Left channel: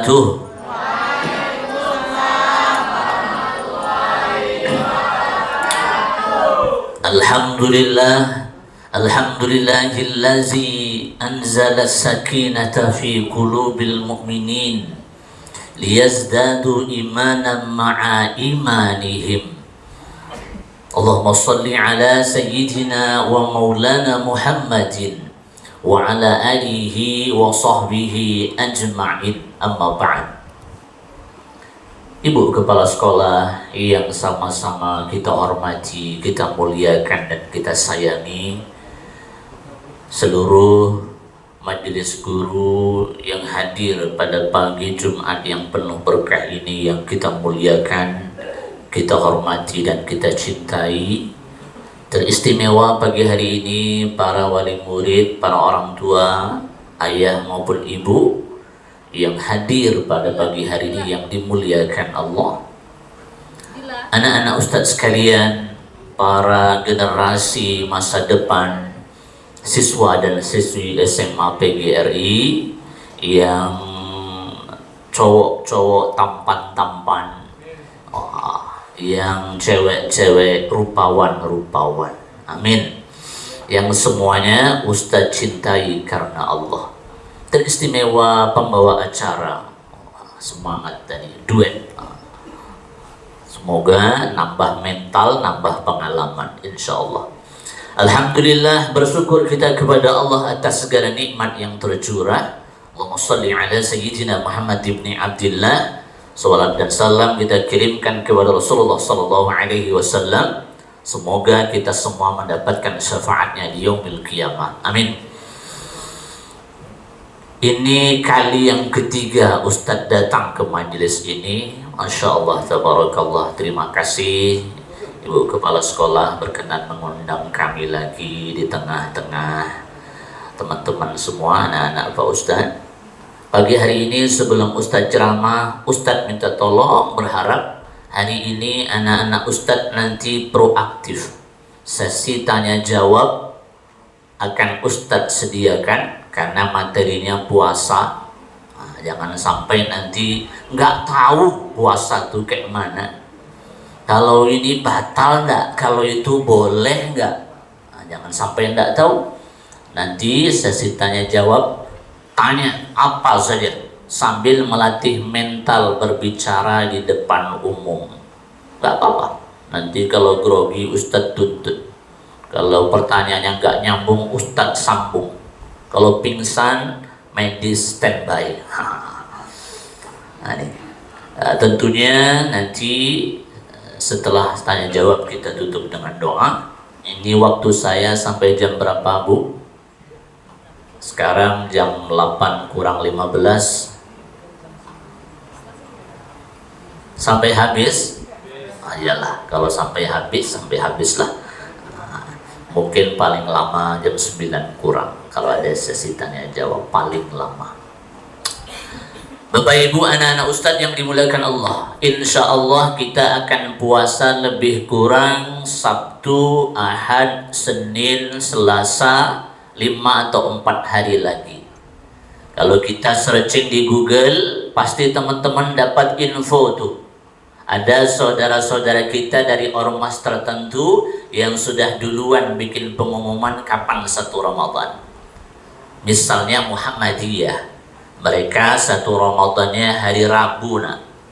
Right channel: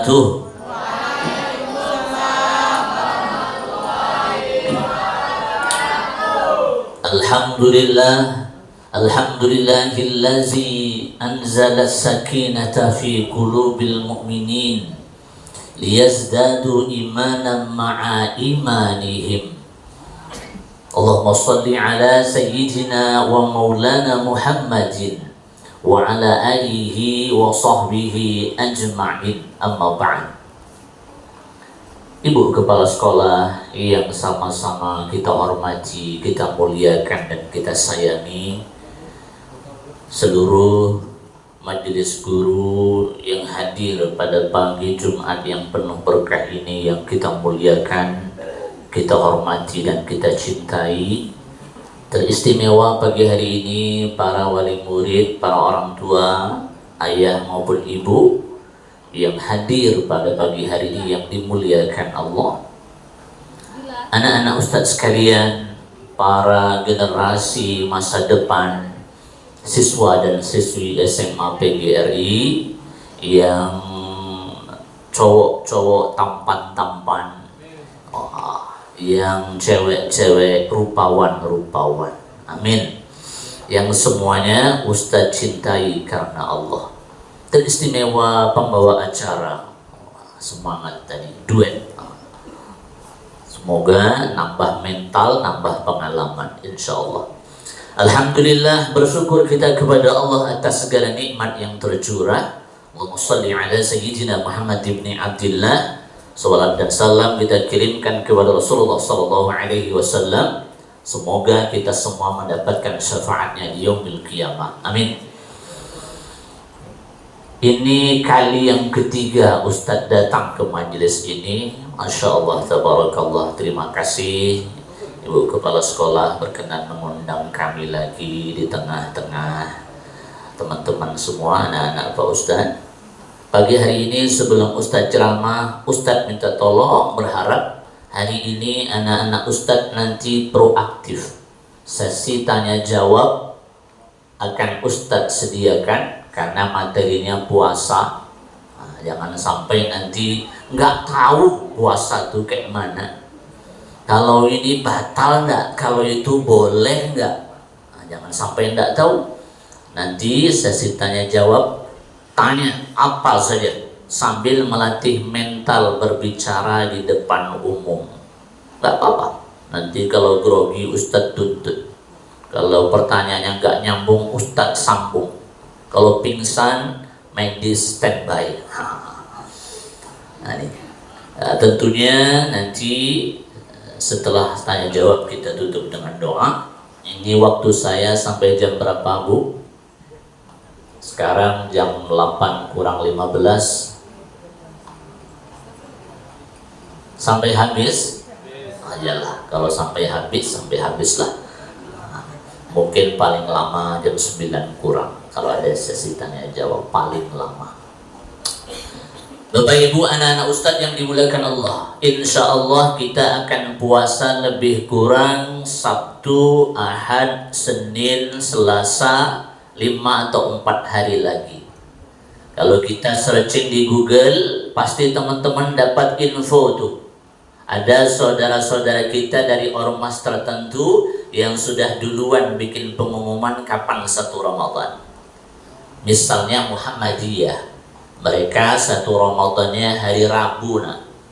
Tuh. Alhamdulillah, alhamdulillahillazi anzala sakinata fi qulubil mu'minin liyazdadu imanan ma'a imanihim. Allahumma salli ala sayyidina wa maulana Muhammadin wa ala alihi wa sahbihi ajma'in. Amma ba'd. Ibu kepala sekolah yang sama-sama kita hormati, kita muliakan dan kita sayangi, seluruh majelis guru yang hadir pada pagi Jumat yang penuh berkah ini yang kita muliakan, kita hormati dan kita cintai. Teristimewa pagi hari ini para wali murid, para orang tua, ayah maupun ibu yang hadir pada pagi hari ini yang dimuliakan Allah. Anak-anak ustadz sekalian, para generasi masa depan, siswa dan siswi SMA PGRI yang cowok-cowok tampan-tampan, yang cewek-cewek rupawan-rupawan. Amin. Yang semuanya ustadz cintai karena Allah. Teristimewa pembawa acara, semangat tadi, duet. Semoga nambah mental, nambah pengalaman, insya Allah. Alhamdulillah, bersyukur kita kepada Allah atas segala nikmat yang tercurah. Allahumma salli ala sayyidina Muhammad ibn Abdillah. Salawat dan salam kita kirimkan kepada Rasulullah sallallahu alaihi wasallam. Semoga kita semua mendapatkan syafaatnya di yaumil qiyamah. Amin. Ini kali yang ketiga Ustadz datang ke majelis ini. Masya Allah, tabarakallah. Terima kasih Ibu Kepala Sekolah berkenan mengundang kami lagi di tengah-tengah teman-teman semua, anak-anak Pak Ustadz. Pagi hari ini sebelum Ustadz ceramah, Ustadz minta tolong, berharap hari ini anak-anak Ustadz nanti proaktif. Sesi tanya jawab akan Ustadz sediakan karena materinya puasa. Jangan sampai nanti nggak tahu puasa itu kayak mana. Kalau ini batal nggak? Kalau itu boleh nggak? Jangan sampai nggak tahu. Nanti sesi tanya jawab, tanya apa saja sambil melatih mental berbicara di depan umum. Nggak apa-apa. Nanti kalau grogi Ustadz tuntut. Kalau pertanyaannya nggak nyambung Ustadz sambung. Kalau pingsan, medis standby. Tentunya nanti setelah tanya jawab kita tutup dengan doa. Ini waktu saya sampai jam berapa, Bu? Sekarang jam 8 kurang 15. Sampai habis? Iyalah, kalau sampai habislah. Mungkin paling lama jam 9 kurang. Kalau ada sesi tanya jawab paling lama. Bapak Ibu, anak-anak Ustadz yang dimuliakan Allah, insya Allah kita akan puasa lebih kurang Sabtu, Ahad, Senin, Selasa, 5 atau 4 hari lagi. Kalau kita searching di Google, pasti teman-teman dapat info tuh. Ada saudara-saudara kita dari ormas tertentu yang sudah duluan bikin pengumuman kapan 1 Ramadan. Misalnya Muhammadiyah, mereka 1 Ramadannya hari Rabu,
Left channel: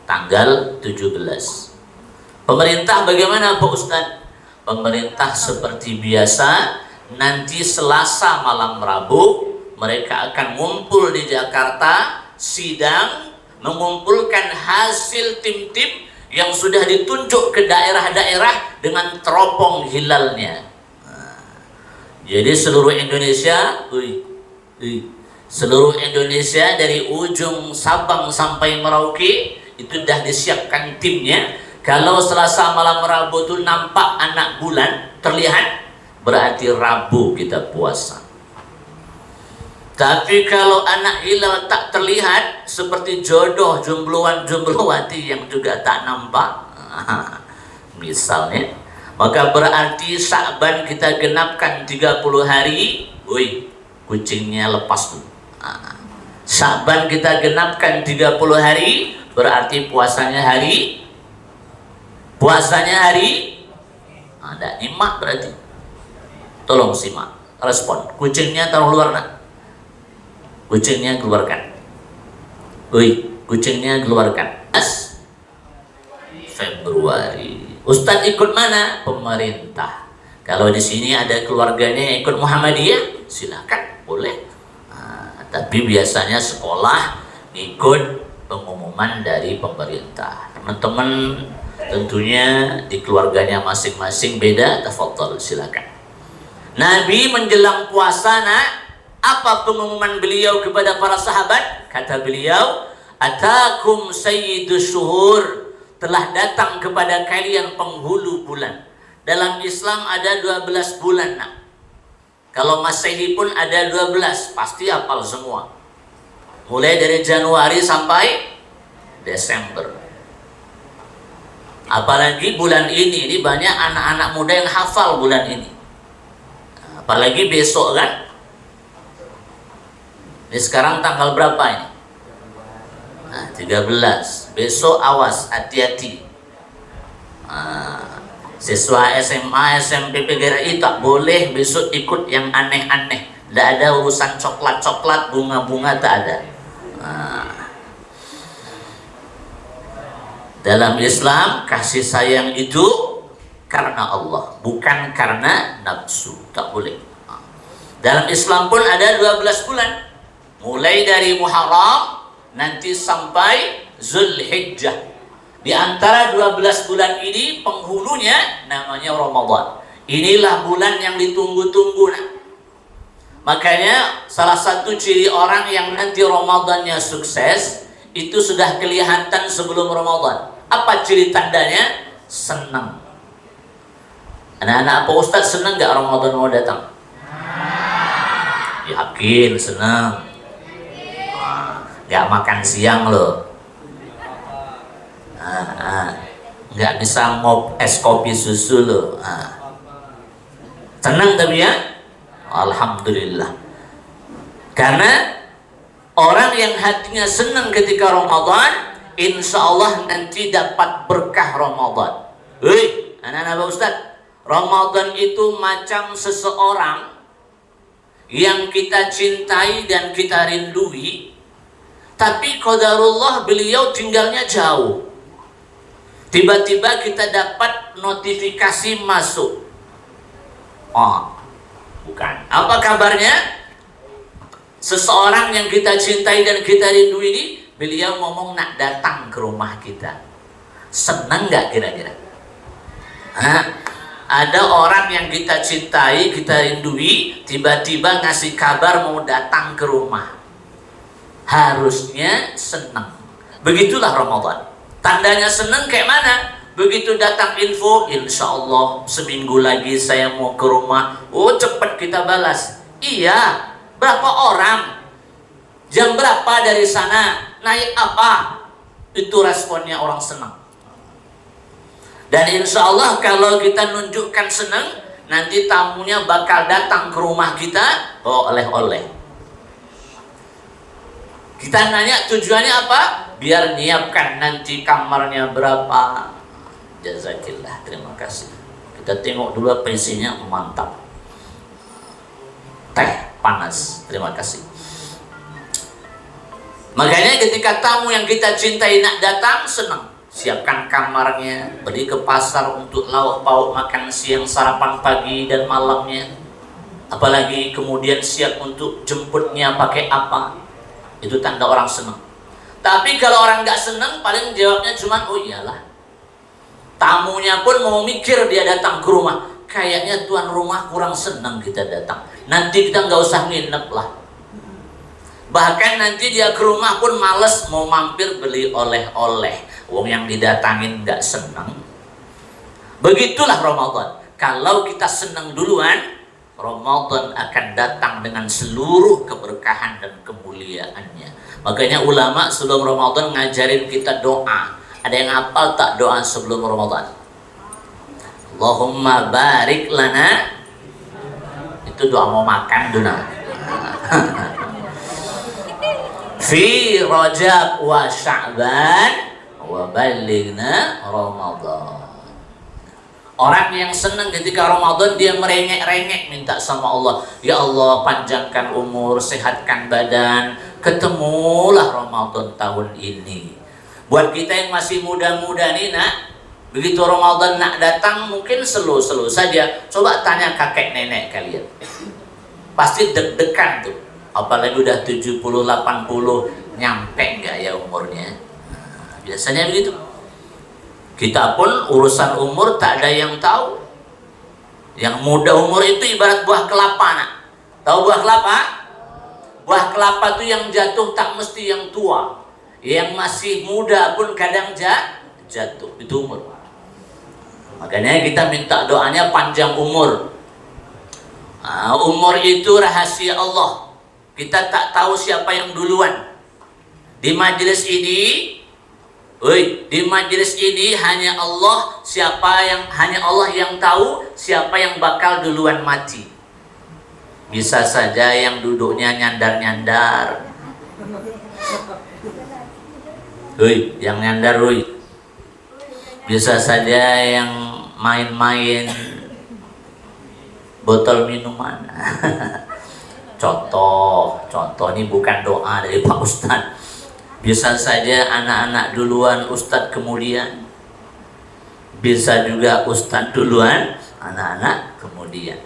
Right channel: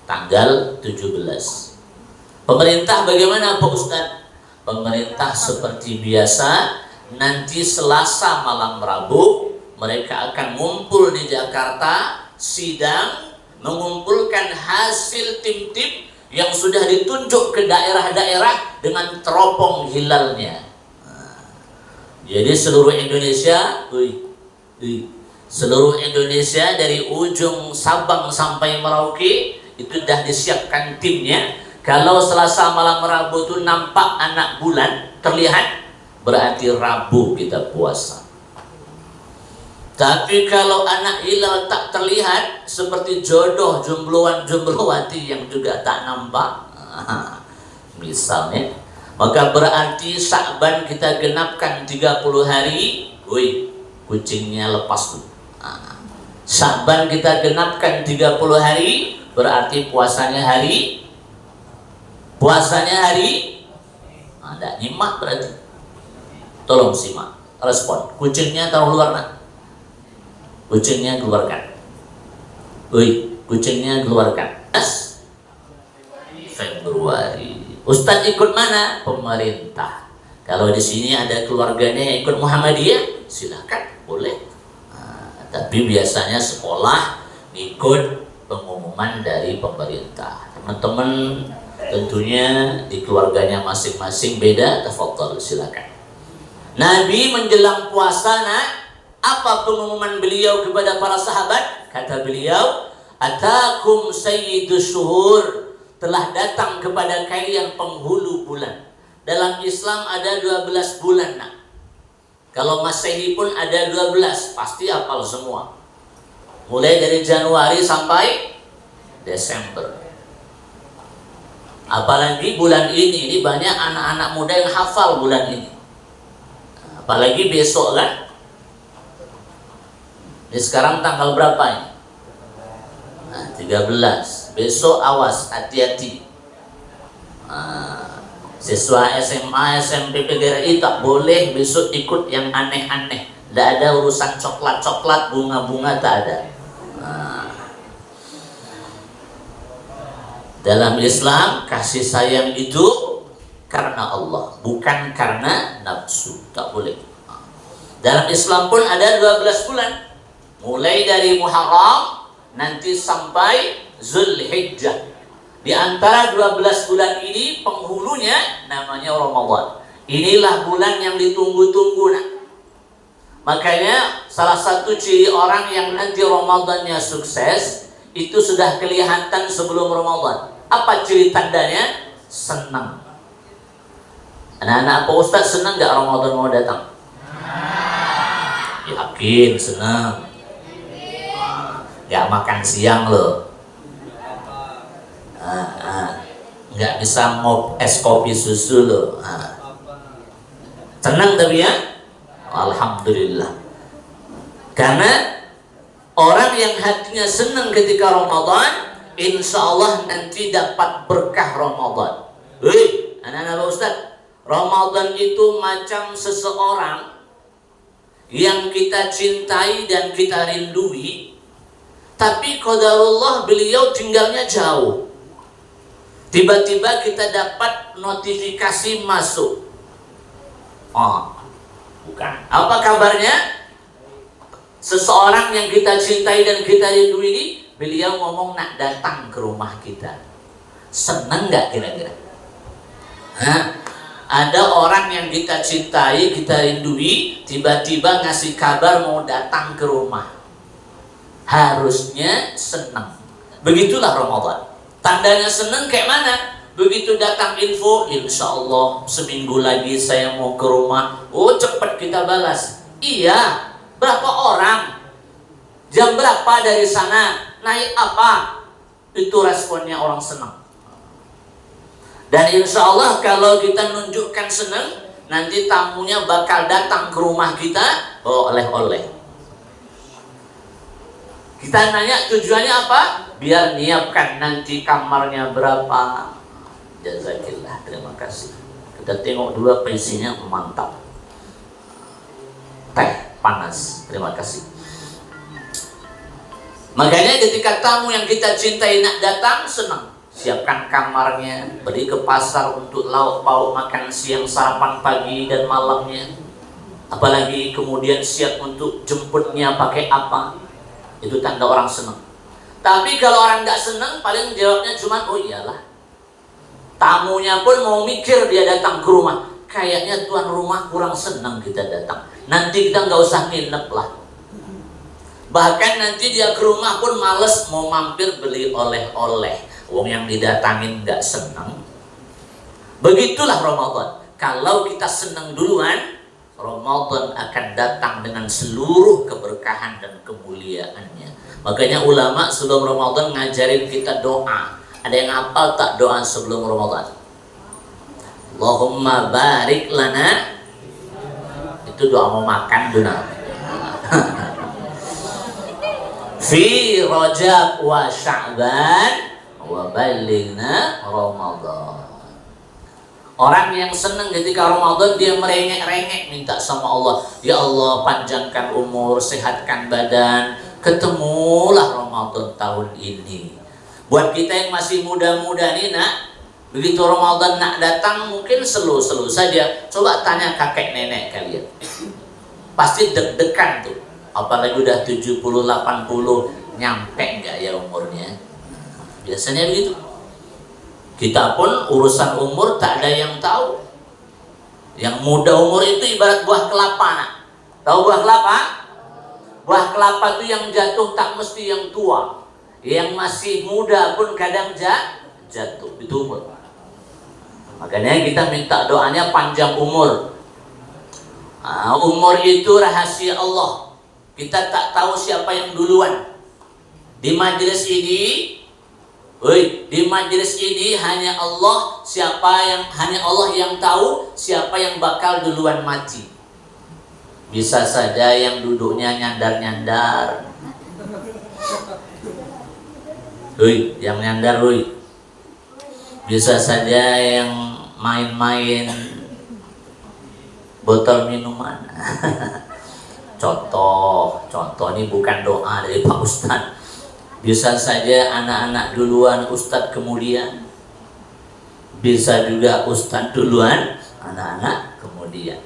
tanggal 17. Pemerintah bagaimana Pak Ustadz? Pemerintah seperti biasa, nanti Selasa malam Rabu mereka akan ngumpul di Jakarta, sidang, mengumpulkan hasil tim-tim yang sudah ditunjuk ke daerah-daerah dengan teropong hilalnya. Jadi seluruh Indonesia, seluruh Indonesia dari ujung Sabang sampai Merauke itu sudah disiapkan timnya. Kalau Selasa malam Rabu itu nampak anak bulan terlihat, berarti Rabu kita puasa. Tapi kalau anak hilal tak terlihat, seperti jodoh jombloan-jomblowati yang juga tak nampak, misalnya, maka berarti Sya'ban kita genapkan 30 hari, kucingnya lepas tuh. Sya'ban kita genapkan 30 hari, berarti puasanya hari tidak nyimak berarti. Tolong simak, respon. Kucingnya taruh luar nak. Kucingnya keluarkan. Kucingnya keluarkan. Februari. Ustadz ikut mana? Pemerintah. Kalau di sini ada keluarganya yang ikut Muhammadiyah, silakan, boleh. Tapi biasanya sekolah ikut pengumuman dari pemerintah. Teman-teman tentunya di keluarganya masing-masing beda, tafadhol, silakan. Nabi menjelang puasa, apa pengumuman beliau kepada para sahabat? Kata beliau, atakum sayyidus syuhur, telah datang kepada kalian penghulu bulan. Dalam Islam ada 12 bulan. Kalau Masehi pun ada 12, pasti hafal semua. Mulai dari Januari sampai Desember. Apalagi bulan ini banyak anak-anak muda yang hafal bulan ini. Apalagi besok kan. Ini sekarang tanggal berapa ini? 13. Besok awas, hati-hati. Siswa SMA, SMP, PGRI tak boleh besok ikut yang aneh-aneh. Tidak ada urusan coklat-coklat, bunga-bunga, tak ada. Dalam Islam, kasih sayang itu karena Allah, bukan karena nafsu. Tak boleh. Dalam Islam pun ada 12 bulan. Mulai dari Muharram nanti sampai Zulhijjah. Di antara 12 bulan ini penghulunya namanya Ramadan. Inilah bulan yang ditunggu-tunggu. Makanya salah satu ciri orang yang nanti Ramadannya sukses itu sudah kelihatan sebelum Ramadan. Apa ciri tandanya? Senang. Anak-anak apa Ustaz senang gak Ramadan mau datang? Yakin senang. Gak makan siang loh. Gak bisa ngop es kopi susu loh. Senang tapi ya? Alhamdulillah. Karena orang yang hatinya senang ketika Ramadan, insya Allah nanti dapat berkah Ramadan. Anak-anak Ustaz, Ramadan itu macam seseorang yang kita cintai dan kita rindui, tapi qadarullah beliau tinggalnya jauh. Tiba-tiba kita dapat notifikasi masuk. Bukan. Apa kabarnya? Seseorang yang kita cintai dan kita rindu ini, beliau ngomong nak datang ke rumah kita. Senang gak kira-kira? Ada orang yang kita cintai, kita rindui, tiba-tiba ngasih kabar mau datang ke rumah. Harusnya senang. Begitulah Ramadan. Tandanya senang kayak mana? Begitu datang info, insya Allah seminggu lagi saya mau ke rumah. Cepat kita balas. Iya. Berapa orang? Jam berapa dari sana? Naik apa? Itu responnya orang senang. Dan insya Allah kalau kita nunjukkan senang, nanti tamunya bakal datang ke rumah kita bawa oleh-oleh. Kita nanya tujuannya apa? Biar nyiapkan nanti kamarnya berapa. Jazakillah, terima kasih. Kita tengok dulu pensinya, mantap. Teh panas, terima kasih. Makanya ketika tamu yang kita cintai nak datang, senang. Siapkan kamarnya, pergi ke pasar untuk lauk pauk makan siang, sarapan pagi dan malamnya. Apalagi kemudian siap untuk jemputnya pakai apa. Itu tanda orang senang. Tapi kalau orang nggak senang, paling jawabnya cuma oh iyalah. Tamunya pun mau mikir dia datang ke rumah. Kayaknya tuan rumah kurang senang kita datang. Nanti kita nggak usah nginep lah. Bahkan nanti dia ke rumah pun males mau mampir beli oleh-oleh. Wong yang didatangin nggak senang. Begitulah Ramadan. Kalau kita senang duluan, Ramadan akan datang dengan seluruh keberkahan dan kemuliaannya. Makanya ulama sebelum Ramadan ngajarin kita doa. Ada yang hafal tak doa sebelum Ramadan? Allahumma barik lana. Itu doa mau makan duna. fi Rajab wa Sya'ban wa balighna Ramadan. Orang yang senang ketika Ramadan dia merengek-rengek minta sama Allah, ya Allah panjangkan umur, sehatkan badan, ketemulah Ramadan tahun ini. Buat kita yang masih muda-muda nih nak, begitu Ramadan nak datang mungkin slow-slow saja. Coba tanya kakek nenek kalian, pasti deg-degan tuh. Apalagi udah 70, 80, nyampe nggak ya umurnya? Biasanya begitu. Kita pun urusan umur tak ada yang tahu. Yang muda umur itu ibarat buah kelapa nak. Tahu buah kelapa? Buah kelapa itu yang jatuh tak mesti yang tua. Yang masih muda pun kadang jatuh. Itu umur. Makanya kita minta doanya panjang umur. Umur itu rahasia Allah. Kita tak tahu siapa yang duluan. Di majelis ini hanya Allah yang tahu siapa yang bakal duluan mati. Bisa saja yang duduknya nyandar-nyandar. Yang nyandar, bisa saja yang main-main botol minuman. Contoh ini bukan doa dari Pak Ustadz. Bisa saja anak-anak duluan, Ustadz kemudian. Bisa juga Ustadz duluan, anak-anak kemudian.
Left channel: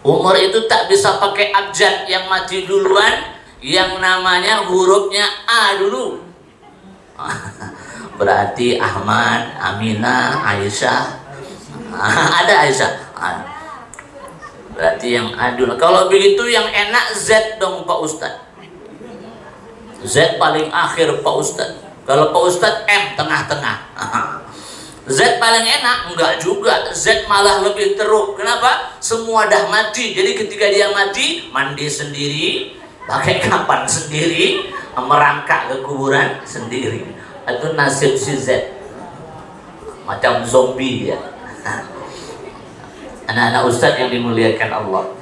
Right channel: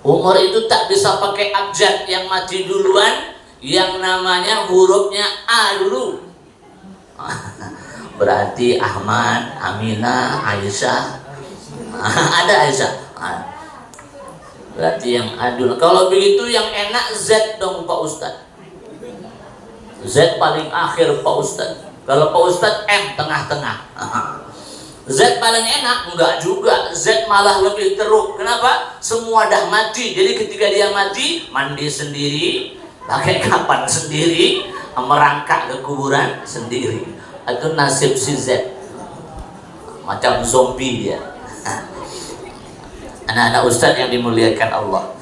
Umur itu tak bisa pakai abjad. Yang mati duluan, yang namanya hurufnya A dulu. Berarti Ahmad, Aminah, Aisyah. Ada Aisyah. Berarti yang A dulu. Kalau begitu yang enak Z dong Pak Ustadz. Z paling akhir Pak Ustadz. Kalau Pak Ustadz M tengah-tengah. Z paling enak? Enggak juga. Z malah lebih teruk. Kenapa? Semua dah mati. Jadi ketika dia mati, mandi sendiri, pakai kapan sendiri, merangkak ke kuburan sendiri. Itu nasib si Z. Macam zombie dia. Anak-anak Ustadz yang dimuliakan Allah.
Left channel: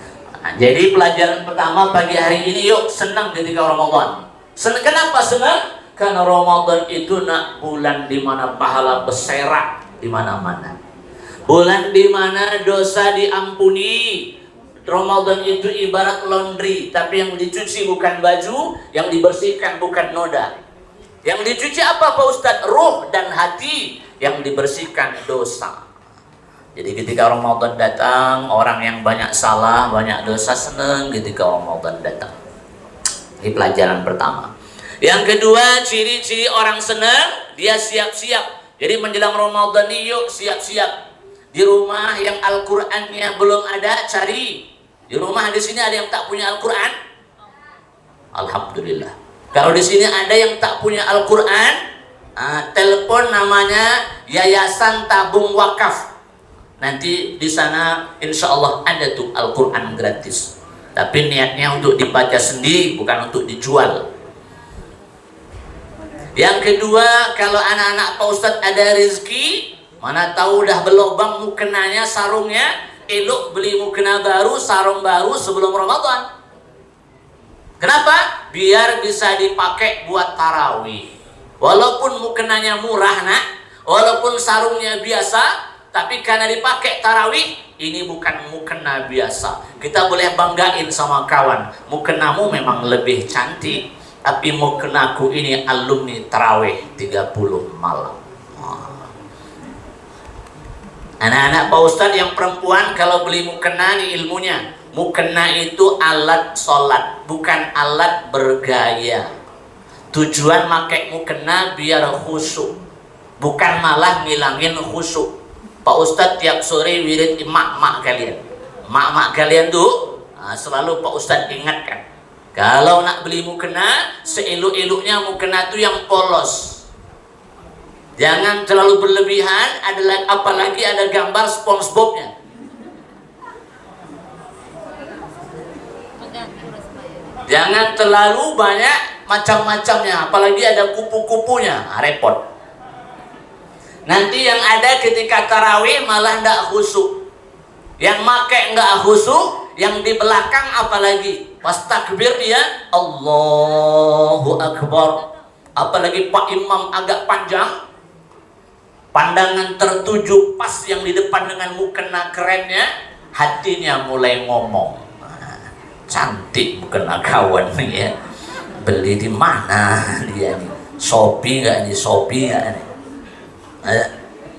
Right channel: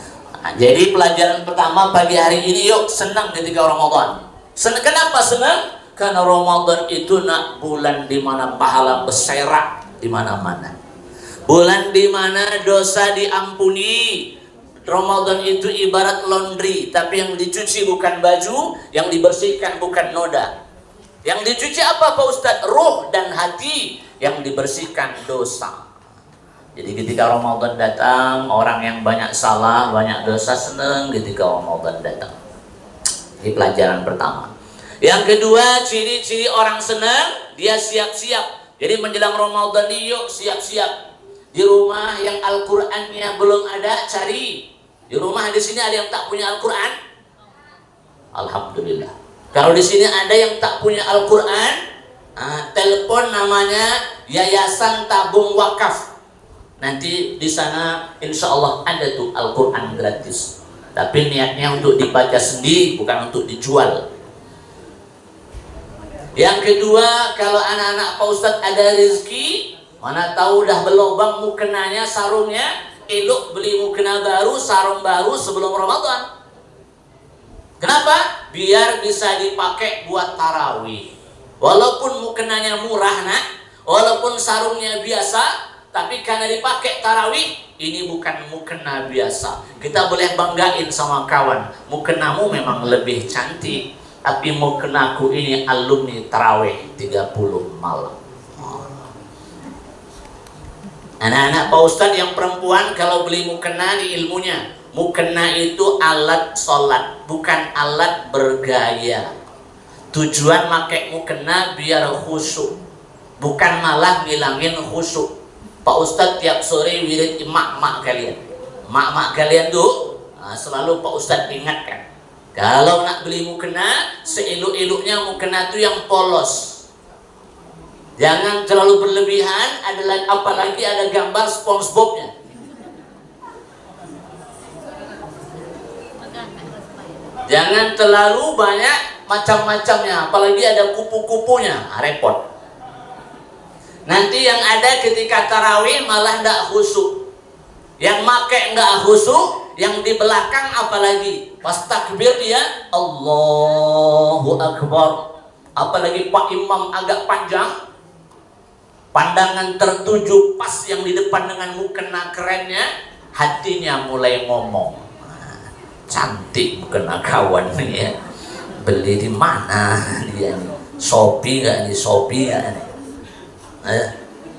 Jadi pelajaran pertama pagi hari ini, yuk senang ketika Ramadan. Kenapa senang? Karena Ramadan itu nak bulan di mana pahala berserak di mana-mana. Bulan di mana dosa diampuni. Ramadan itu ibarat laundry, tapi yang dicuci bukan baju, yang dibersihkan bukan noda. Yang dicuci apa Pak Ustadz? Ruh dan hati. Yang dibersihkan dosa. Jadi ketika Ramadan datang, orang yang banyak salah, banyak dosa senang ketika Ramadan datang. Ini pelajaran pertama. Yang kedua, ciri-ciri orang senang, dia siap-siap. Jadi menjelang Ramadan ini yuk siap-siap. Di rumah yang Al-Qur'annya belum ada, cari. Di rumah di sini ada yang tak punya Al-Qur'an? Alhamdulillah. Kalau di sini ada yang tak punya Al-Qur'an, telepon namanya Yayasan Tabung Wakaf. Nanti di sana insya Allah ada tuh Al-Qur'an gratis. Tapi niatnya untuk dibaca sendiri, bukan untuk dijual. Yang kedua, kalau anak-anak Pak Ustadz ada rezeki, mana tahu udah berlobang mukenanya, sarungnya, elok beli mukena baru, sarung baru sebelum Ramadan. Kenapa? Biar bisa dipakai buat tarawih. Walaupun mukenanya murah nak, walaupun sarungnya biasa, tapi karena dipakai tarawih, ini bukan mukena biasa. Kita boleh banggain sama kawan, mukenamu memang lebih cantik, tapi mukenaku ini alumni tarawih 30 malam. Anak-anak Pak Ustadz yang perempuan kalau beli mukena ini ilmunya, mukena itu alat sholat, bukan alat bergaya. Tujuan pakai mukena biar khusyuk, bukan malah ngilangin khusyuk. Pak Ustadz tiap sore wirid emak-emak kalian. Emak-emak kalian tuh selalu Pak Ustadz ingatkan. Kalau nak beli mukena, seelok-eloknya mukena itu yang polos. Jangan terlalu berlebihan, apalagi ada gambar SpongeBob-nya. Jangan terlalu banyak macam-macamnya, apalagi ada kupu-kupunya, repot. Nanti yang ada ketika tarawih malah ndak khusyuk. Yang make nggak khusyuk, yang di belakang apalagi pas takbir dia Allahu Akbar, apalagi Pak Imam agak panjang, pandangan tertuju pas yang di depan dengan mukena kerennya, hatinya mulai ngomong, cantik mukena kawan nih ya, beli di mana dia nih, Shopee nggak nih, Shopee nggak nih?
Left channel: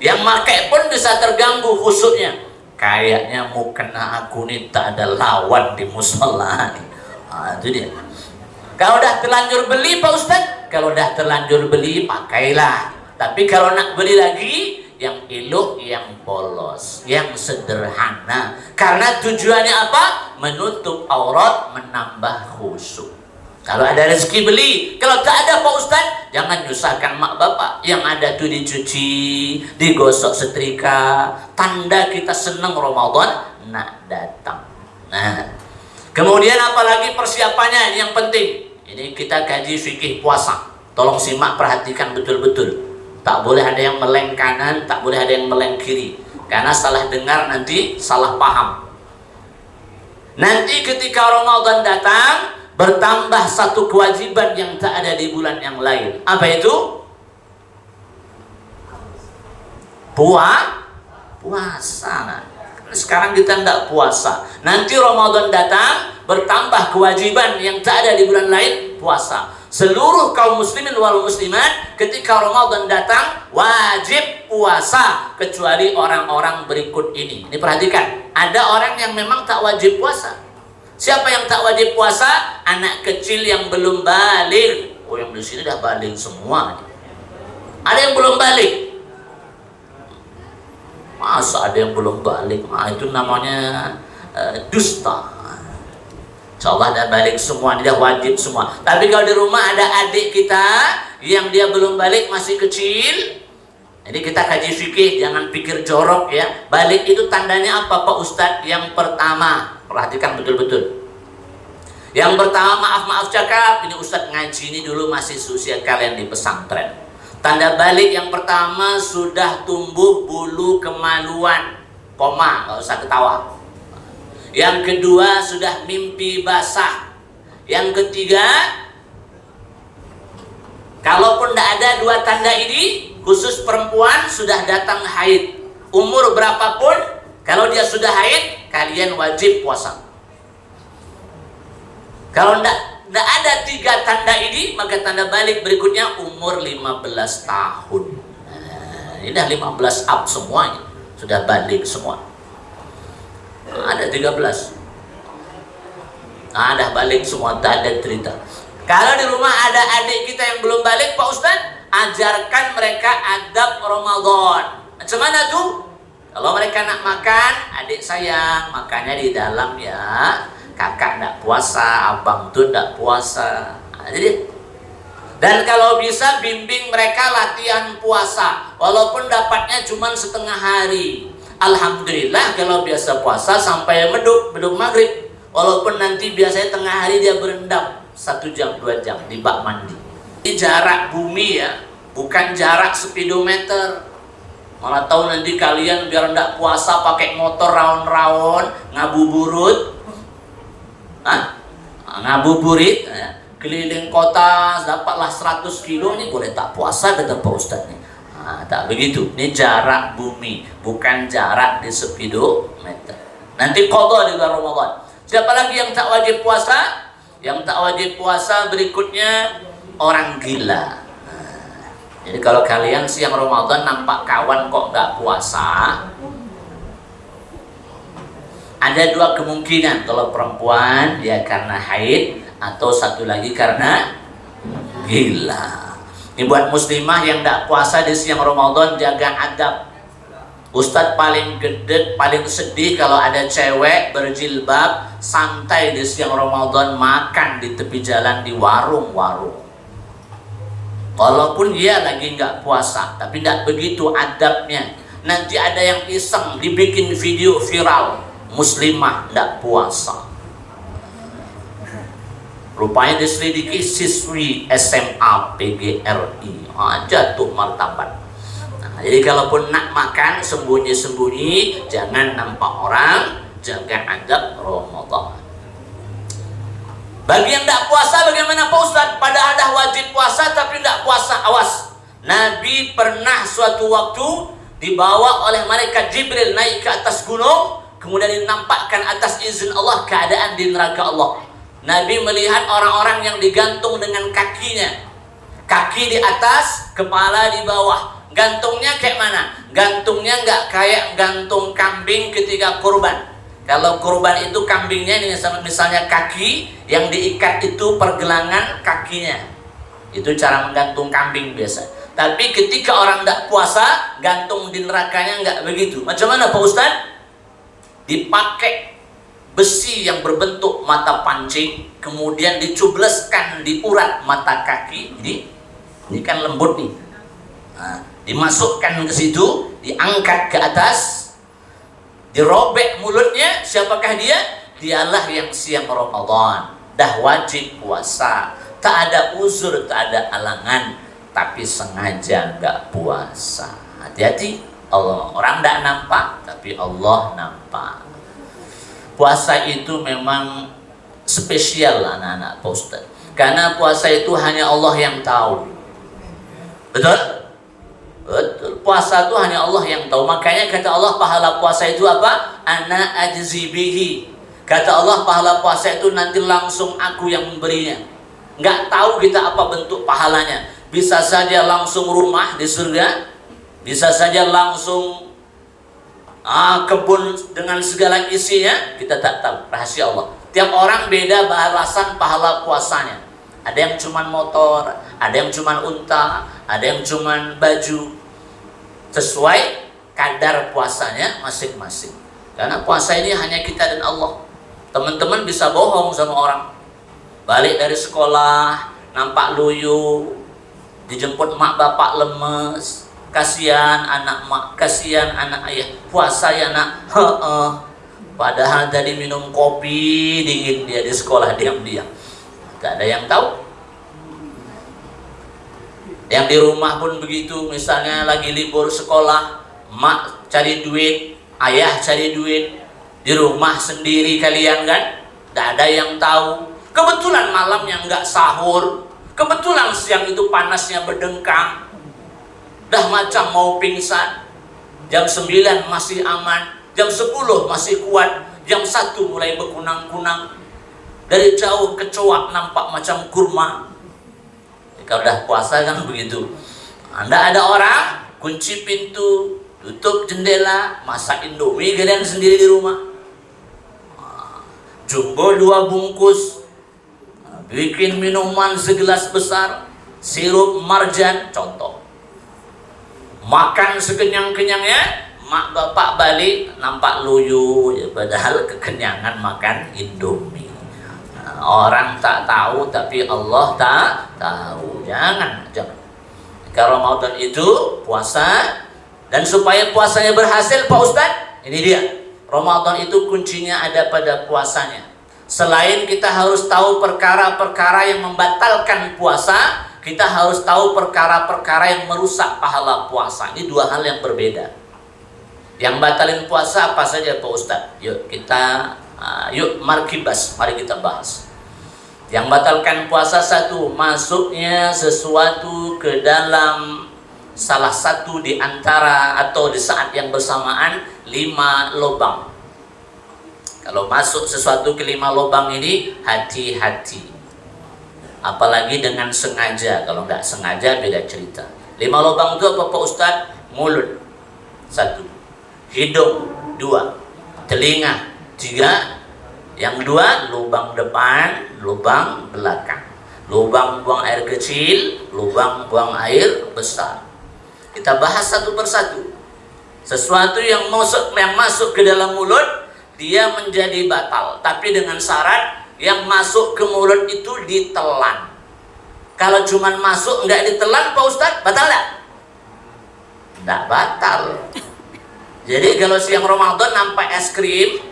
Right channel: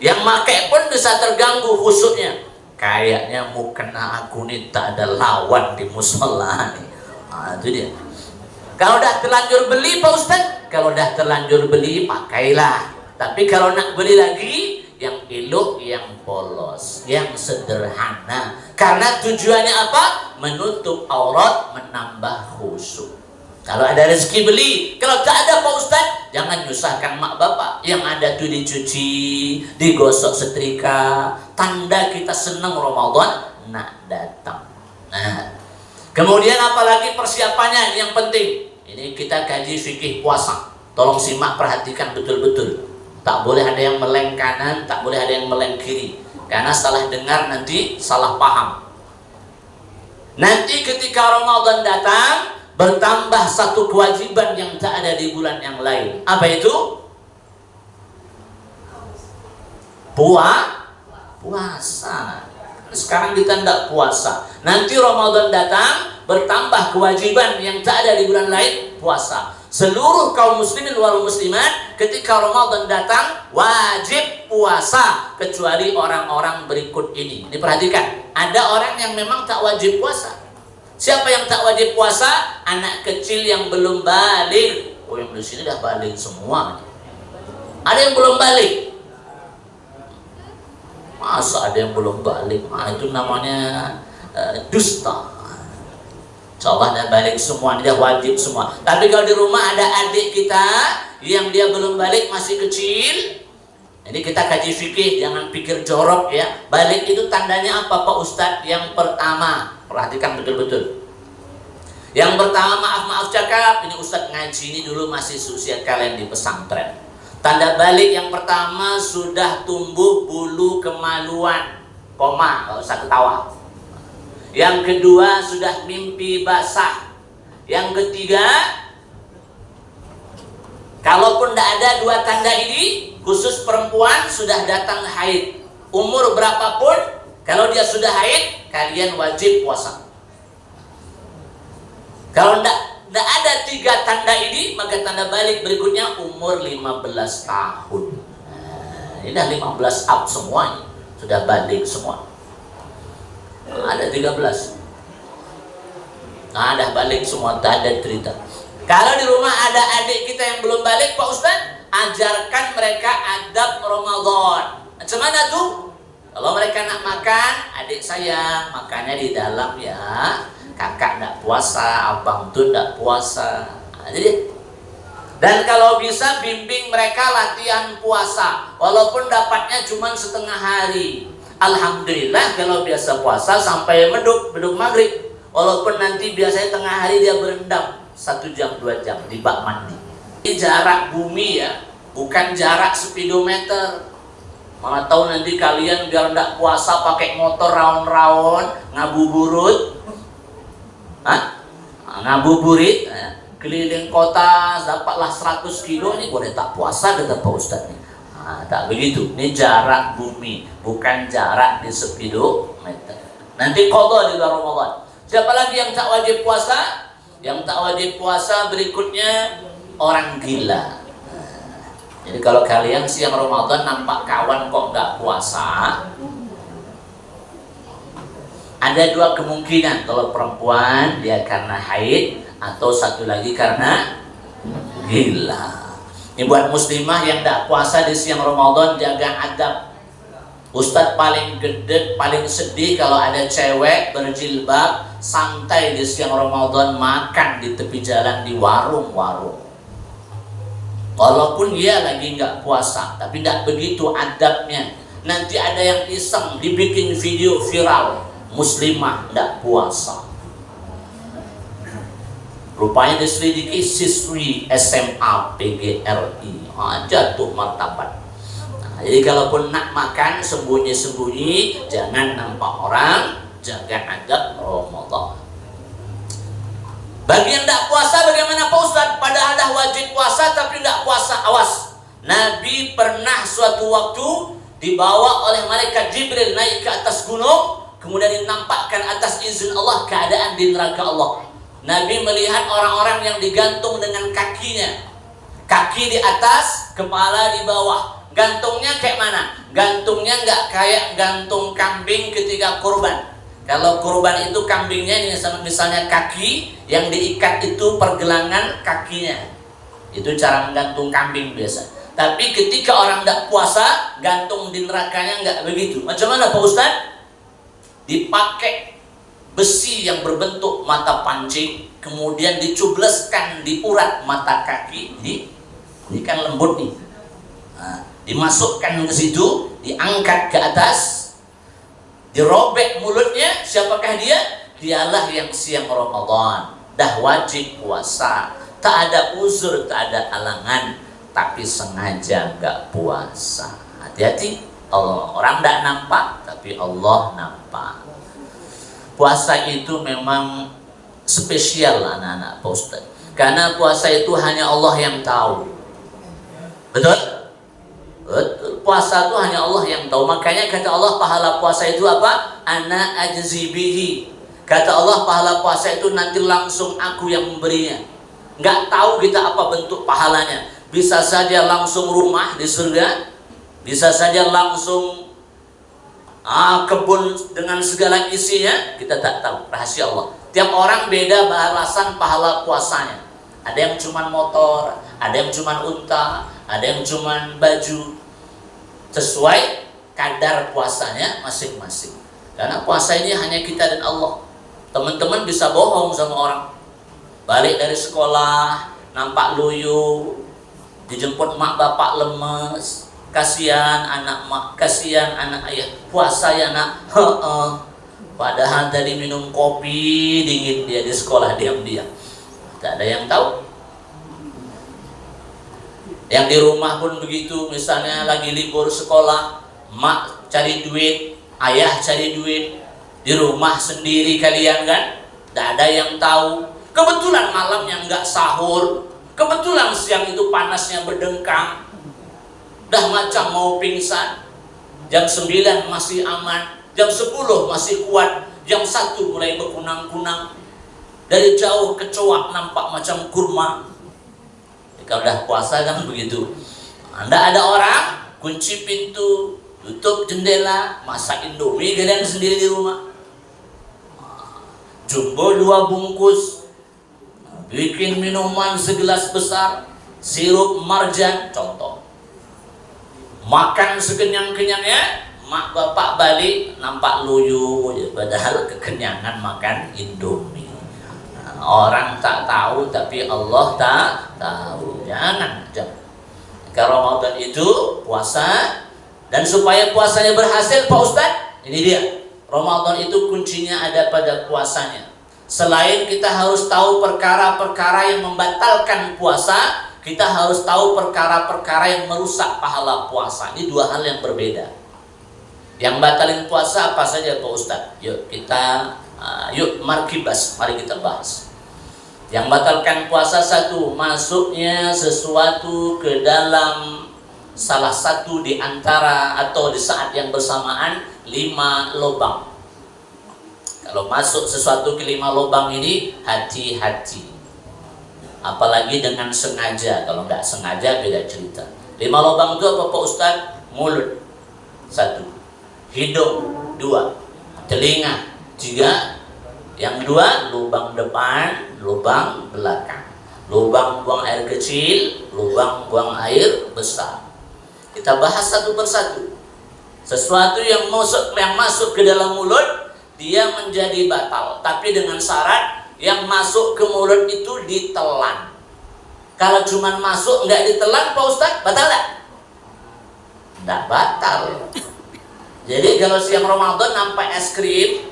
Yang pakai pun bisa terganggu khusyuknya, kayaknya mukena aku nih tak ada lawan di musola. Itu dia. Kalau udah terlanjur beli Pak Ustaz, kalau udah terlanjur beli pakailah. Tapi kalau nak beli lagi, yang elok, yang polos, yang sederhana. Karena tujuannya apa? Menutup aurat, menambah khusyuk. Kalau ada rezeki beli, kalau tak ada Pak Ustaz, jangan nyusahkan mak bapak. Yang ada tuh dicuci, digosok setrika, tanda kita senang Ramadan nak datang. Nah, kemudian apalagi persiapannya yang penting. Ini kita kaji fikih puasa. Tolong simak, perhatikan betul-betul. Tak boleh ada yang meleng kanan, tak boleh ada yang meleng kiri. Karena salah dengar nanti salah paham. Nanti ketika Ramadan datang, bertambah satu kewajiban yang tak ada di bulan yang lain. Apa itu? Puasa. Sekarang kita tidak puasa. Nanti Ramadan datang, bertambah kewajiban yang tak ada di bulan lain, puasa. Seluruh kaum muslimin wal muslimat ketika Ramadan datang wajib puasa, kecuali orang-orang berikut ini. Ini perhatikan, ada orang yang memang tak wajib puasa. Siapa yang tak wajib puasa? Anak kecil yang belum balik. Oh, yang di sini dah balik semua. Ada yang belum balik. Masa ada yang belum balik? Nah, itu namanya dusta. Insyaallah dah balik semua, dia wajib semua. Tapi kalau di rumah ada adik kita yang dia belum balik, masih kecil, jadi kita kaji fikih, jangan pikir jorok ya. Balik itu tandanya apa Pak Ustadz? Yang pertama, perhatikan betul-betul. Yang pertama, maaf cakap, ini Ustadz ngaji ini dulu masih usia kalian di pesantren. Tanda balik yang pertama, sudah tumbuh bulu kemaluan. Koma, nggak usah ketawa. Yang kedua, sudah mimpi basah. Yang ketiga, kalaupun tidak ada dua tanda ini, khusus perempuan sudah datang haid. Umur berapapun, kalau dia sudah haid, kalian wajib puasa. Kalau tidak ada tiga tanda ini, maka tanda balik berikutnya umur 15 tahun. Nah, ini dah 15 up semuanya, sudah balik semua. Ada 13. Nah, dah balik semua, tak ada cerita. Kalau di rumah ada adik kita yang belum balik, Pak Ustadz, ajarkan mereka adab Ramadan. Macam mana tuh? Kalau mereka nak makan, adik sayang, makannya di dalam ya. Kakak tak puasa, abang tuh tak puasa. Jadi, dan kalau bisa bimbing mereka latihan puasa, walaupun dapatnya cuma setengah hari. Alhamdulillah kalau biasa puasa sampai beduk maghrib. Walaupun nanti biasanya tengah hari dia berendam 1 jam 2 jam di bak mandi. Ini jarak bumi ya, bukan jarak speedometer. Malah tahu nanti kalian biar ndak puasa pakai motor raun-raun, ngabuburit, ngabuburit, keliling kota dapatlah 100 kilo, ini boleh tak puasa kata Pak Ustadz nih. Nah, tak begitu. Ini jarak bumi, bukan jarak di speedometer. Nanti qadha di bulan Ramadan. Siapa lagi yang tak wajib puasa? Yang tak wajib puasa berikutnya orang gila. Jadi kalau kalian siang Ramadan nampak kawan kok nggak puasa, ada dua kemungkinan. Kalau perempuan dia karena haid, atau satu lagi karena gila. Ini buat muslimah yang tak puasa di siang Ramadan, jaga adab. Ustadz paling gede, paling sedih kalau ada cewek berjilbab santai di siang Ramadan makan di tepi jalan di warung-warung. Walaupun dia lagi nggak puasa, tapi tidak begitu adabnya. Nanti ada yang iseng dibikin video viral, muslimah tidak puasa. Rupanya diselidiki siswi SMA PGRI, jatuh martabat. Nah, jadi kalaupun nak makan sembunyi-sembunyi, jangan nampak orang, jaga adab Ramadan. Bagi yang tidak puasa bagaimana Pak Ustadz? Padahal dah wajib puasa tapi tidak puasa. Awas, Nabi pernah suatu waktu dibawa oleh malaikat Jibril naik ke atas gunung, kemudian dinampakkan atas izin Allah keadaan di neraka Allah. Nabi melihat orang-orang yang digantung dengan kakinya, kaki di atas, kepala di bawah. Gantungnya kayak mana? Gantungnya nggak kayak gantung kambing ketika kurban. Kalau kurban itu kambingnya ini misalnya kaki yang diikat itu pergelangan kakinya. Itu cara menggantung kambing biasa. Tapi ketika orang tidak puasa, gantung di nerakanya nggak begitu. Macam mana Pak Ustadz? Dipakai besi yang berbentuk mata pancing, kemudian dicubleskan di urat mata kaki. Ini kan lembut nih. Nah, dimasukkan ke situ, diangkat ke atas, dirobek mulutnya. Siapakah dia? Dialah yang siang Ramadan, dah wajib puasa, tak ada uzur, tak ada alangan, tapi sengaja nggak puasa. Hati-hati, orang tidak nampak, tapi Allah nampak. Puasa itu memang spesial anak-anak Pak Ustaz, karena puasa itu hanya Allah yang tahu. Betul? Betul. Puasa itu hanya Allah yang tahu. Makanya kata Allah pahala puasa itu apa? Ana ajzi bihi. Kata Allah pahala puasa itu nanti langsung aku yang memberinya. Nggak tahu kita apa bentuk pahalanya. Bisa saja langsung rumah di surga, bisa saja langsung kebun dengan segala isinya, kita tak tahu, rahasia Allah. Tiap orang beda balasan pahala puasanya. Ada yang cuma motor, ada yang cuma unta, ada yang cuma baju. Sesuai kadar puasanya masing-masing. Karena puasa ini hanya kita dan Allah. Teman-teman bisa bohong sama orang. Balik dari sekolah, nampak loyo, dijemput mak bapak lemes, kasihan anak mak, kasihan anak ayah. Puasa ya nak, padahal tadi minum kopi dingin dia di sekolah diam-diam. Gak ada yang tahu. Yang di rumah pun begitu, misalnya lagi libur sekolah, mak cari duit, ayah cari duit, di rumah sendiri kalian kan, gak ada yang tahu. Kebetulan malam yang nggak sahur, kebetulan siang itu panasnya berdengkang, dah macam mau pingsan. Jam 9 masih aman, jam 10 masih kuat, jam 1 mulai berkunang-kunang. Dari jauh kecoak nampak macam kurma. Kalau udah puasa kan begitu. Anda ada orang, kunci pintu, tutup jendela, masak indomie kalian sendiri di rumah. Jumbo 2 bungkus, bikin minuman segelas besar, sirup marjan, contoh. Makan sekenyang-kenyangnya, mak bapak balik nampak loyo, ya, padahal kekenyangan makan indomie. Orang tak tahu tapi Allah tak tahu. Jangan. Kalau Ramadan itu puasa, dan supaya puasanya berhasil Pak Ustadz, ini dia. Ramadan itu kuncinya ada pada puasanya. Selain kita harus tahu perkara-perkara yang membatalkan puasa, kita harus tahu perkara-perkara yang merusak pahala puasa. Ini 2 hal yang berbeda. Yang batalin puasa apa saja Pak Ustadz? Yuk kita markibas, mari kita bahas. Yang batalkan puasa 1, masuknya sesuatu ke dalam salah satu di antara atau di saat yang bersamaan 5 lubang. Kalau masuk sesuatu ke 5 lubang ini, hati-hati. Apalagi dengan sengaja. Kalau nggak sengaja beda cerita. 5 lubang itu apa Pak Ustadz? Mulut 1, hidung 2, telinga 3, yang 2 lubang depan, lubang belakang. Lubang buang air kecil, lubang buang air besar. Kita bahas satu persatu. Sesuatu yang masuk ke dalam mulut, dia menjadi batal. Tapi dengan syarat yang masuk ke mulut itu ditelan. Kalau cuma masuk nggak ditelan Pak Ustadz, batal nggak? Nggak batal. Jadi kalau siang Ramadan nampak es krim,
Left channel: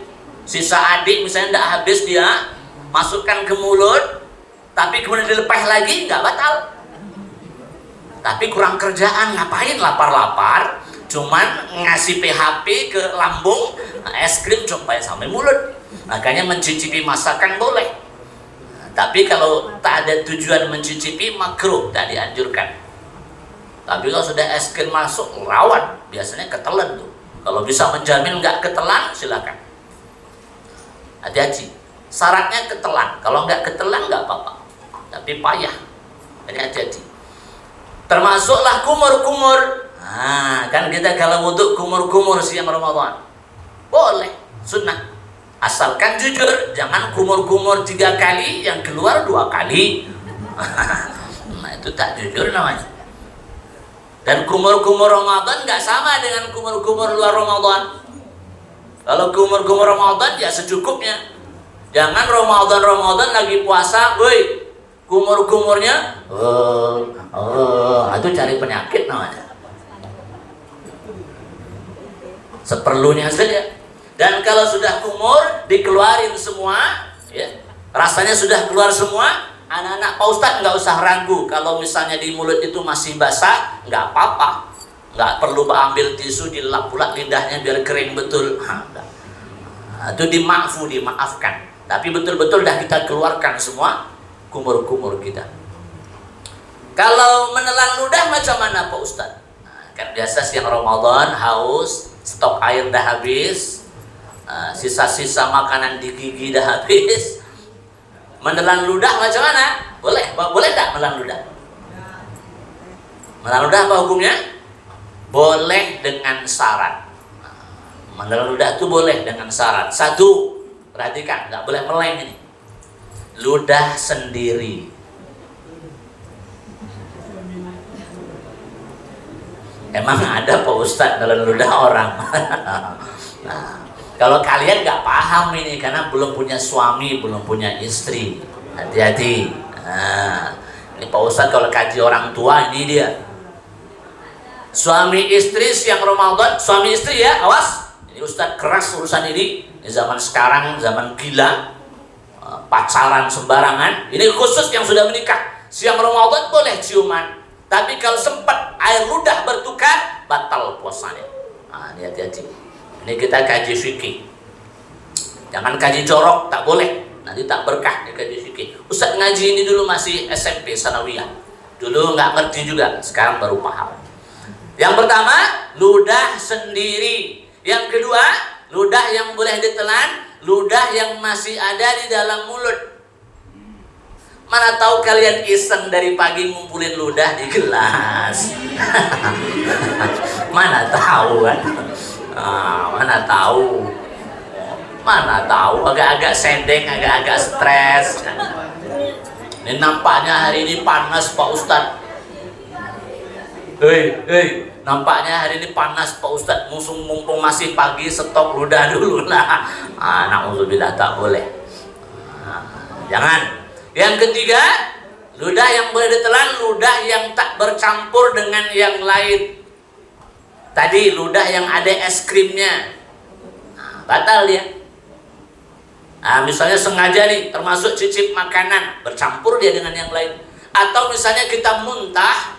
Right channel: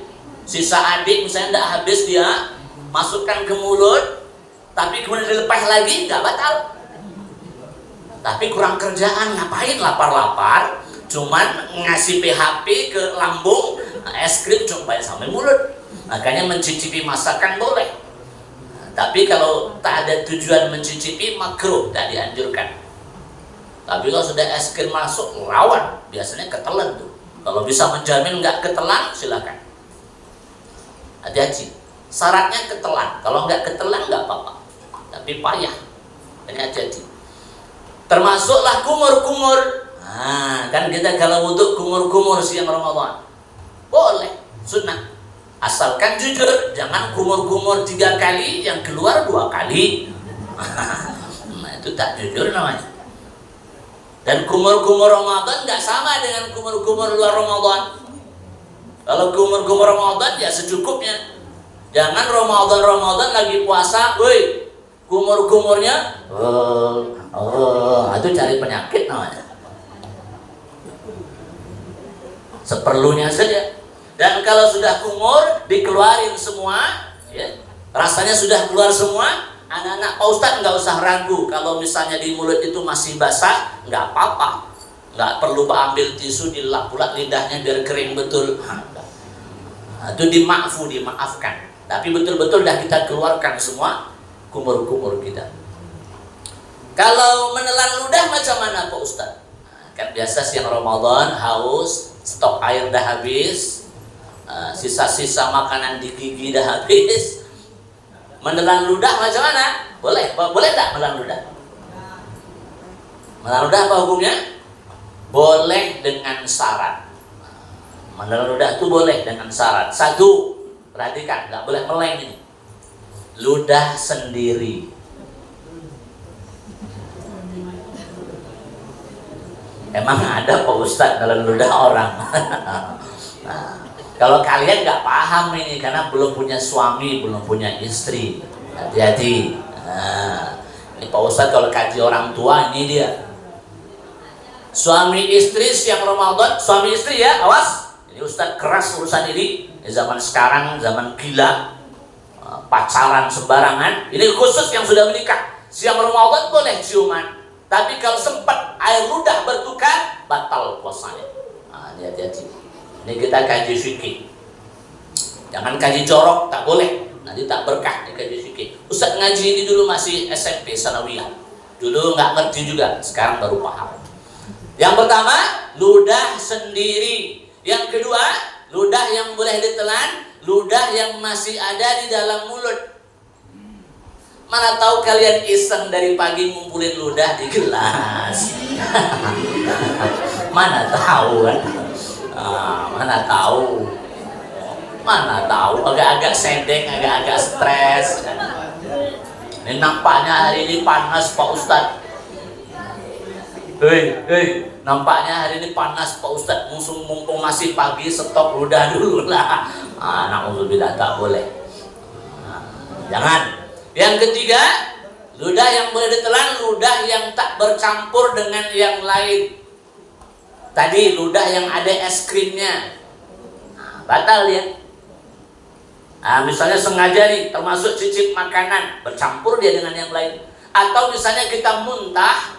sisa adik misalnya tidak habis, dia masukkan ke mulut, tapi kemudian dilepas lagi, nggak batal. Tapi kurang kerjaan, ngapain lapar-lapar, cuman ngasih PHP ke lambung, Nah, es krim sampai sampai mulut. Makanya mencicipi masakan boleh. Nah, tapi kalau tak ada tujuan mencicipi, makruh, tak dianjurkan. Tapi kalau sudah es krim masuk, rawan, biasanya ketelan tuh. Kalau bisa menjamin nggak ketelan, silakan. Hati-hati. Syaratnya ketelan. Kalau nggak ketelan nggak apa-apa. Tapi payah. Ini hati-hati. Termasuklah kumur-kumur. Nah, kan kita kalau wudhu kumur-kumur siang Ramadan. Boleh, sunnah. Asalkan jujur, jangan kumur-kumur 3 kali, yang keluar 2 kali. Nah, itu tak jujur namanya. Dan kumur-kumur Ramadan nggak sama dengan kumur-kumur luar Ramadan. Kalau kumur-kumur Ramadan ya secukupnya. Jangan Ramadan lagi puasa, woi, kumur-kumurnya, itu cari penyakit namanya. Seperlunya saja. Dan kalau sudah kumur, dikeluarin semua, ya, rasanya sudah keluar semua. Anak-anak Pak Ustadz nggak usah ragu. Kalau misalnya di mulut itu masih basah, nggak apa-apa. Nggak perlu ambil tisu dilap-lap lidahnya biar kering betul. Itu dimaafkan. Tapi betul-betul dah kita keluarkan semua kumur-kumur kita. Kalau menelan ludah macam mana Pak Ustadz? Kan biasa siang Ramadan haus, stok air dah habis, sisa-sisa makanan di gigi dah habis. Menelan ludah macam mana? Boleh tak menelan ludah? Menelan ludah apa hukumnya? Boleh dengan syarat. Menelan ludah itu boleh dengan syarat. 1, perhatikan, nggak boleh meleng ini. Ludah sendiri. Emang ada Pak Ustadz menelan ludah orang? Nah, kalau kalian nggak paham ini karena belum punya suami, belum punya istri, hati-hati. Nah, ini Pak Ustadz kalau kaji orang tua ini dia. Suami istri siang Ramadan, suami istri ya, awas. Ini Ustadz keras urusan ini. Zaman sekarang, zaman gila, pacaran sembarangan. Ini khusus yang sudah menikah. Siang Ramadan boleh ciuman, tapi kalau sempat air ludah bertukar, batal puasanya. Nah, ini hati-hati. Ini kita kaji fikih. Jangan kaji jorok, tak boleh. Nanti tak berkah di kaji fikih. Ustaz ngaji ini dulu masih SMP, sanawiyah. Dulu nggak ngerti juga, sekarang baru paham. Yang pertama, ludah sendiri. Yang kedua, ludah yang boleh ditelan, ludah yang masih ada di dalam mulut. Mana tahu kalian iseng dari pagi ngumpulin ludah di gelas. Mana tahu kan? Mana tahu agak-agak sendek, agak-agak stres. Ini nampaknya hari ini panas Pak Ustadz. Nampaknya hari ini panas Pak Ustadz. Mumpung masih pagi, stok ludah dulu lah. Na'udzubillah, tak boleh. Jangan. Yang ketiga, ludah yang boleh ditelan, ludah yang tak bercampur dengan yang lain. Tadi ludah yang ada es krimnya, batal ya. Misalnya sengaja nih, termasuk cicip makanan, bercampur dia dengan yang lain. Atau misalnya kita muntah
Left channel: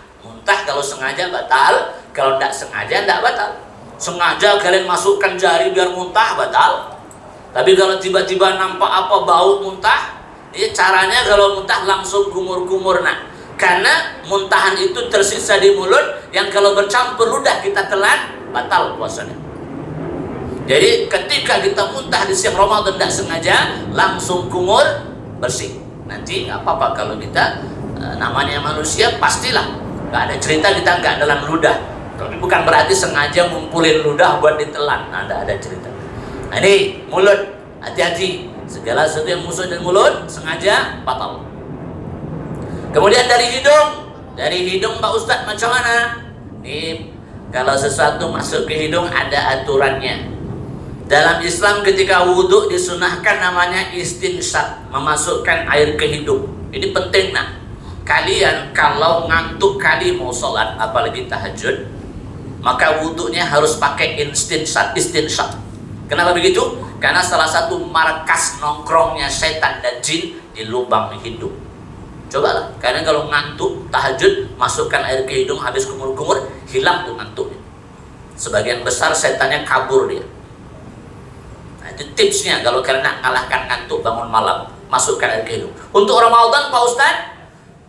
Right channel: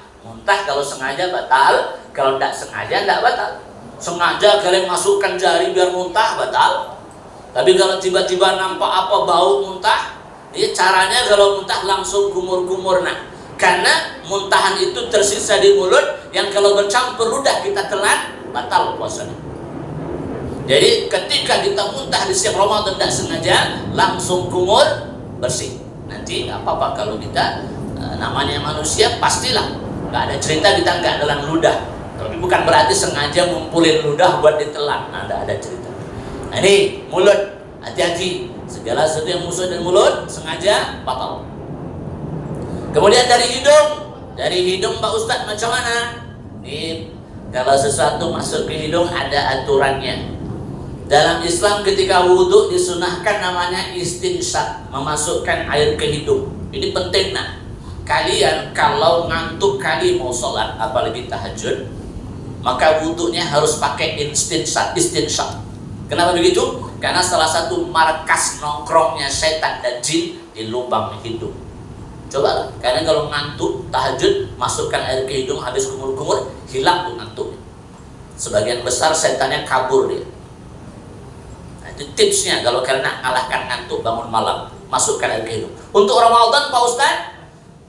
kalau sengaja batal, kalau tidak sengaja tidak batal. Sengaja kalian masukkan jari biar muntah, batal. Tapi kalau tiba-tiba nampak apa bau muntah, ya caranya kalau muntah langsung kumur-kumur. Nah, karena muntahan itu tersisa di mulut, yang kalau bercampur ludah kita telan, batal puasanya. Jadi ketika kita muntah di siang Ramadan tidak sengaja, langsung kumur, bersih. Nanti nggak apa-apa kalau kita namanya manusia, pastilah nggak ada cerita kita nggak dalam ludah. Tapi bukan berarti sengaja ngumpulin ludah buat ditelan. Ada cerita. Nah, ini mulut, hati-hati. Segala sesuatu yang musuh dari mulut sengaja batal. Kemudian dari hidung Pak Ustadz macam mana? Ini kalau sesuatu masuk ke hidung ada aturannya. Dalam Islam ketika wudhu disunahkan namanya istinsyaq, memasukkan air ke hidung. Ini penting nah. Kalian kalau ngantuk kali mau sholat, apalagi tahajud, maka wudhunya harus pakai istinsyaq. Kenapa begitu? Karena salah satu markas nongkrongnya setan dan jin di lubang hidung. Coba lah, karena kalau ngantuk tahajud, masukkan air ke hidung habis kumur-kumur, hilang tuh ngantuknya. Sebagian besar setannya kabur dia. Itu tipsnya kalau karena ngalahkan ngantuk bangun malam, masukkan air ke hidung. Untuk Ramadan Pak Ustaz,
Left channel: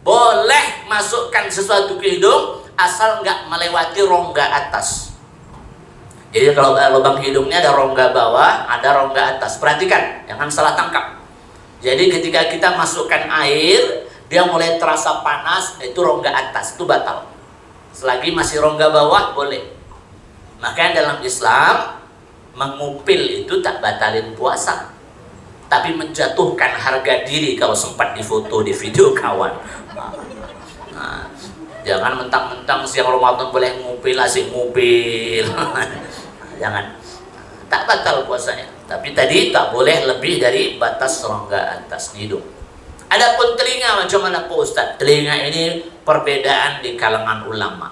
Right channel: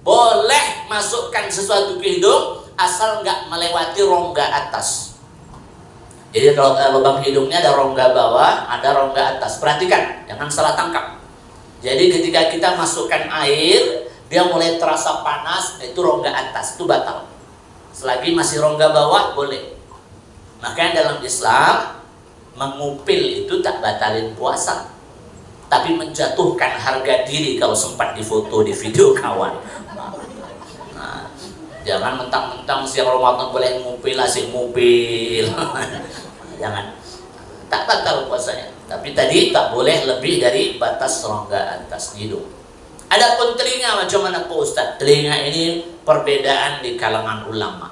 boleh masukkan sesuatu ke hidung asal nggak melewati rongga atas. Jadi kalau lubang hidungnya ada rongga bawah, ada rongga atas. Perhatikan, jangan salah tangkap. Jadi ketika kita masukkan air, dia mulai terasa panas, itu rongga atas, itu batal. Selagi masih rongga bawah, boleh. Makanya dalam Islam, mengupil itu tak batalin puasa, tapi menjatuhkan harga diri kalau sempat difoto, di video kawan. Nah, jangan mentang-mentang siang Ramadan boleh ngupil, asik ngupil. Jangan, tak batal puasanya. Tapi tadi tak boleh lebih dari batas rongga atas hidung. Adapun telinga macam mana Pak Ustaz? Telinga ini perbedaan di kalangan ulama.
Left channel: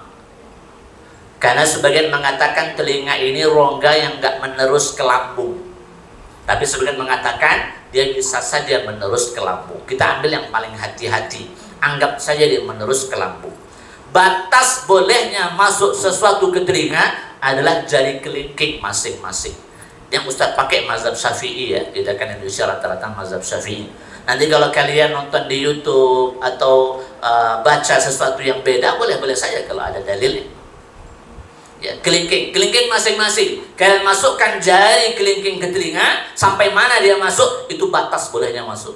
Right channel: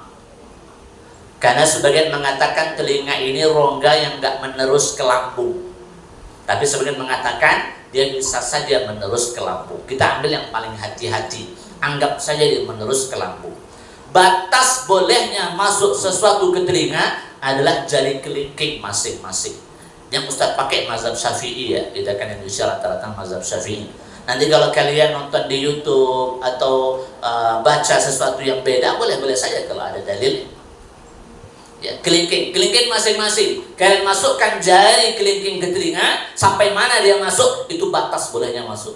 Karena sebagian mengatakan telinga ini rongga yang enggak menerus ke lambung. Tapi sebagian mengatakan dia bisa saja menerus ke lambung. Kita ambil yang paling hati-hati. Anggap saja dia menerus ke lambung. Batas bolehnya masuk sesuatu ke telinga adalah jari kelingking masing-masing. Yang Ustaz pakai mazhab Syafi'i ya, tidak kan Indonesia rata-rata mazhab Syafi'i. Nanti kalau kalian nonton di YouTube atau baca sesuatu yang beda, boleh-boleh saja kalau ada dalil. Ya, kelingking masing-masing. Kalian masukkan jari kelingking ke telinga, sampai mana dia masuk, itu batas bolehnya masuk.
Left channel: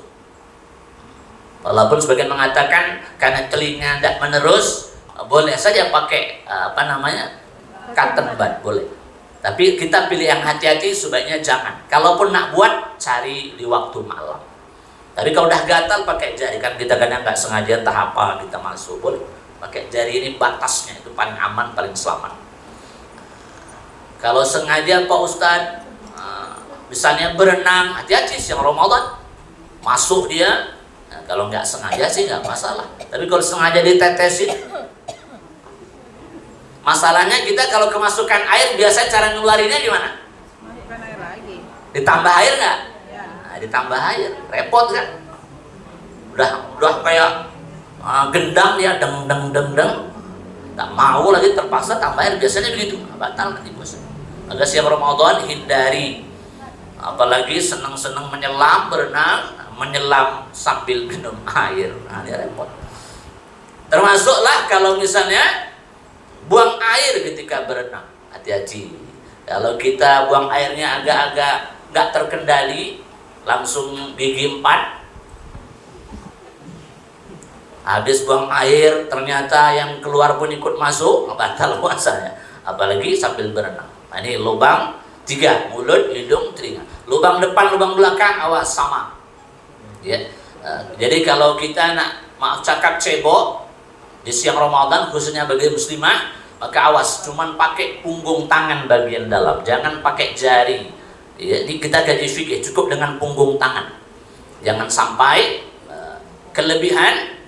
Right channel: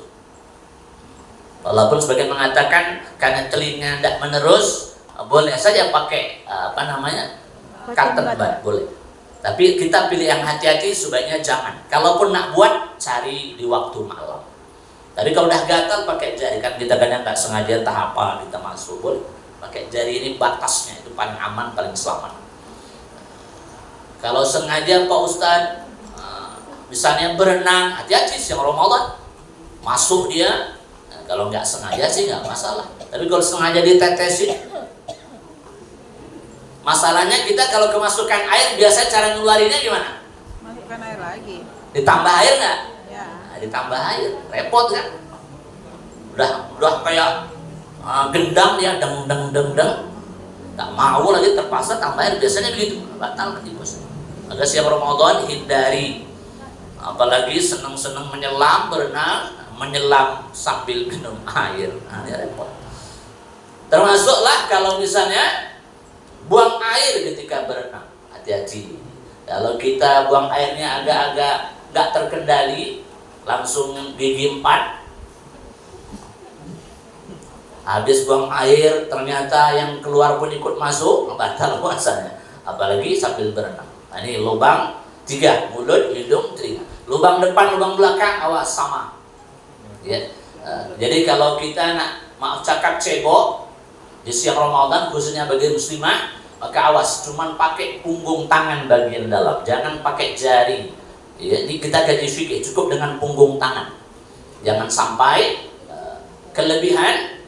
Walaupun sebagian mengatakan karena telinga tidak menerus, boleh saja pakai cotton bud, boleh. Tapi kita pilih yang hati-hati, sebaiknya jangan. Kalaupun nak buat, cari di waktu malam. Tapi kalau udah gatal pakai jari, kan kita kadang nggak sengaja entah apa kita masuk, boleh. Pakai jari ini batasnya, itu paling aman, paling selamat. Kalau sengaja Pak Ustadz, misalnya berenang, hati-hati siang Ramadan, masuk dia. Nah, kalau nggak sengaja sih nggak masalah. Tapi kalau sengaja ditetesin, masalahnya kita kalau kemasukan air, biasa cara ngeluarinnya gimana? Masukkan air lagi. Ditambah air nggak? Ya. Nah, ditambah air, repot kan? Udah kayak gendang ya, deng. Tak mau lagi, terpaksa tambah air, biasanya begitu. Batal nanti bos. Agar siang Ramadan hindari, apalagi seneng-seneng menyelam, berenang, menyelam sambil minum air. Nah, ya repot. Termasuklah kalau misalnya buang air ketika berenang, hati-hati. Kalau kita buang airnya agak-agak nggak terkendali, langsung gigi 4. Habis buang air, ternyata yang keluar pun ikut masuk, batal puasanya. Apalagi sambil berenang. Nah, ini lubang 3, mulut, hidung, telinga. Lubang depan, lubang belakang, awas sama. Ya. Jadi kalau kita nak maaf cakap cebok di siang Ramadan, khususnya bagi muslimah, maka awas, cuman pakai punggung tangan bagian dalam, jangan pakai jari. Ya, ini kita gaji fikih, cukup dengan punggung tangan. Jangan sampai kelebihan,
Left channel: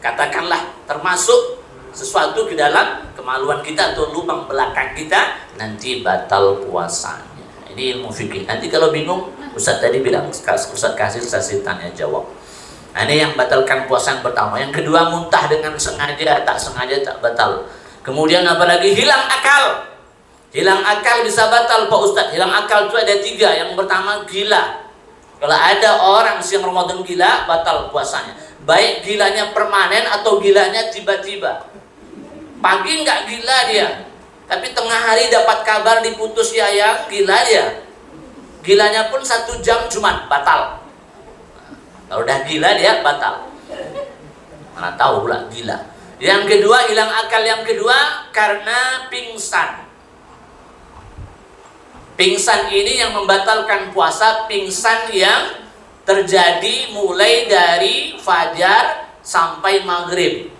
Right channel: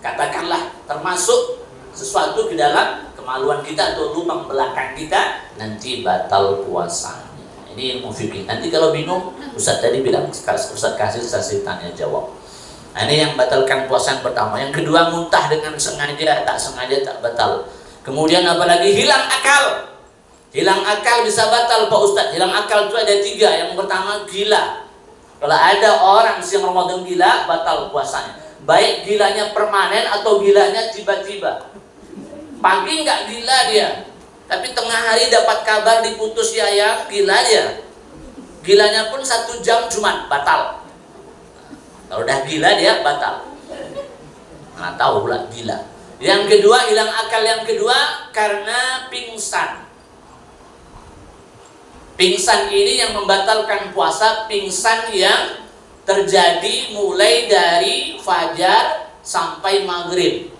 katakanlah termasuk sesuatu ke dalam kemaluan kita atau lubang belakang kita, nanti batal puasanya. Ini ilmu fikih. Nanti kalau bingung, Ustaz tadi bilang, Ustaz kasih sesi tanya jawab. Nah, ini yang batalkan puasa yang pertama. Yang kedua, muntah dengan sengaja, tak sengaja tak batal. Kemudian apalagi hilang akal. Hilang akal bisa batal Pak Ustaz. Hilang akal itu ada 3. Yang pertama gila. Kalau ada orang siang Ramadan gila, batal puasanya. Baik gilanya permanen atau gilanya tiba-tiba. Pagi nggak gila dia, tapi tengah hari dapat kabar diputus yayang, gila dia. Gilanya pun 1 jam cuma batal. Kalau udah gila dia batal. Mana tahu pula gila. Yang kedua, hilang akal yang kedua karena pingsan. Pingsan ini yang membatalkan puasa, pingsan yang terjadi mulai dari fajar sampai maghrib.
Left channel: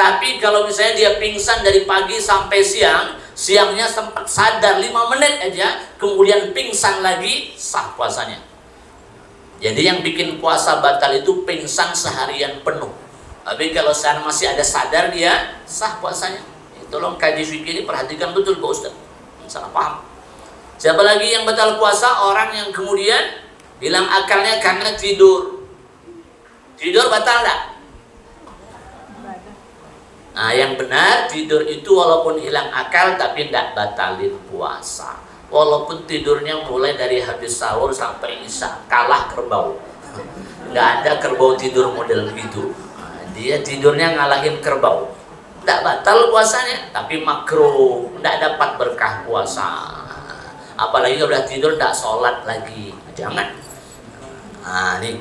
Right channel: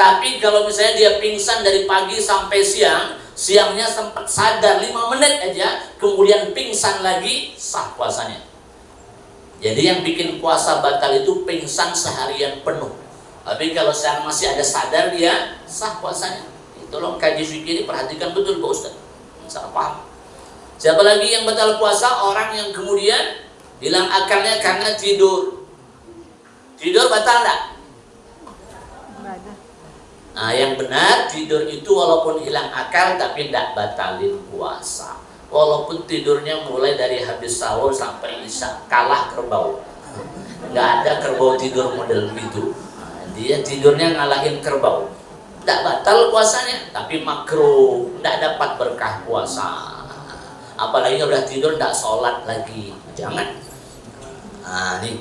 Tapi kalau misalnya dia pingsan dari pagi sampai siang, siangnya sempat sadar 5 menit aja, kemudian pingsan lagi, sah puasanya. Jadi yang bikin puasa batal itu pingsan seharian penuh. Tapi kalau sekarang masih ada sadar dia, sah puasanya. Tolong kaji fikih ini perhatikan betul Pak Ustaz. Salah paham. Siapa lagi yang batal puasa? Orang yang kemudian hilang akalnya karena tidur. Tidur batal enggak? Nah, yang benar tidur itu walaupun hilang akal tapi tidak batalin puasa. walaupun tidurnya mulai dari habis sahur sampai isya, kalah kerbau. Nggak ada kerbau tidur model begitu. Dia tidurnya ngalahin kerbau. Nggak batal puasanya, tapi makruh, nggak dapat berkah puasa. Apalagi udah tidur nggak sholat lagi, jangan. Nah ini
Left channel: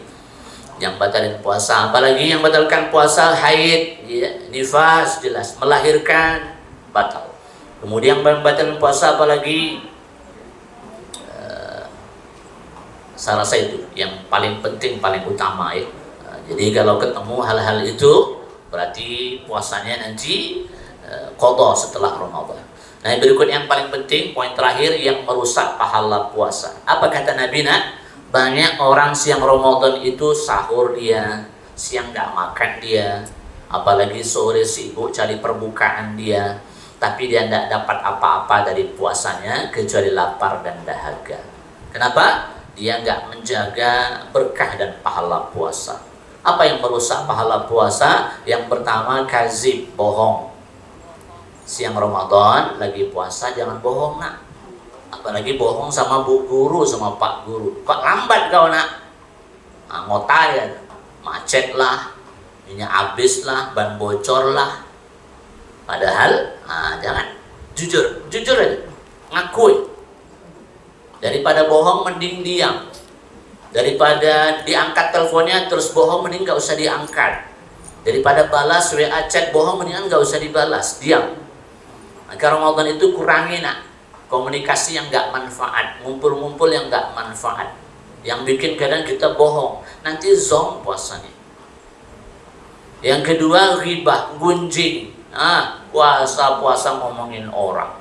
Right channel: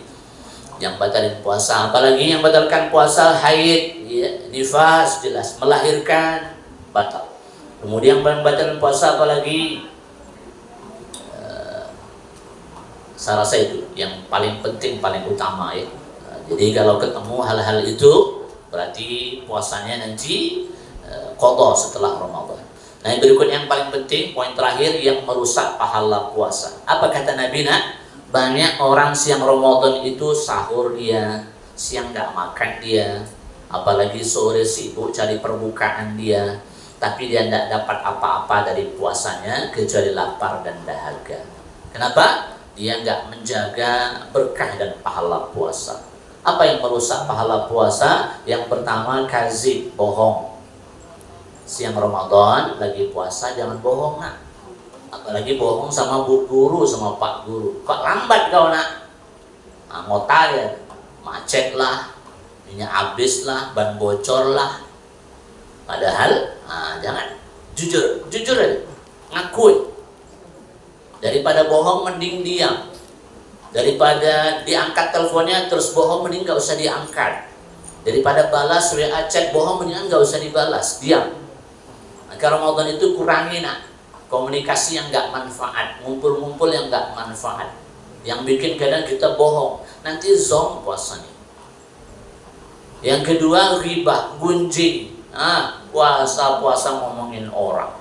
yang batalin puasa. Apalagi yang batalkan puasa, haid, ya, nifas, jelas melahirkan, batal. Kemudian yang batalin puasa apalagi salah satu yang paling penting, paling utama ya. Jadi kalau ketemu hal-hal itu berarti puasanya nanti qadha setelah Ramadan. Nah, berikut yang paling penting, poin terakhir yang merusak pahala puasa. Apa kata Nabi? Banyak orang siang Ramadan itu sahur dia, siang nggak makan dia, apalagi sore sibuk cari perbukaan dia, tapi dia tidak dapat apa-apa dari puasanya kecuali lapar dan dahaga. Kenapa? Dia nggak menjaga berkah dan pahala puasa. Apa yang merusak pahala puasa? Yang pertama, kazib, bohong. Siang Ramadan lagi puasa jangan bohong nak. Apalagi bohong sama bu guru, sama pak guru. Kok lambat kau nak? Ngotai ya, macet lah, minyak habis lah, ban bocor lah. Padahal, jangan. Jujur aja, ngakui. Daripada bohong mending diam. Daripada diangkat teleponnya terus bohong mending gak usah diangkat. Daripada balas WA chat bohong mendingan gak usah dibalas, diam. Maka Ramadan itu kurangi nak, komunikasi yang gak manfaat, ngumpul-ngumpul yang gak manfaat, yang bikin kadang kita bohong, nanti zong puasanya. Yang kedua, ghibah, gunjing. Puasa ngomongin orang,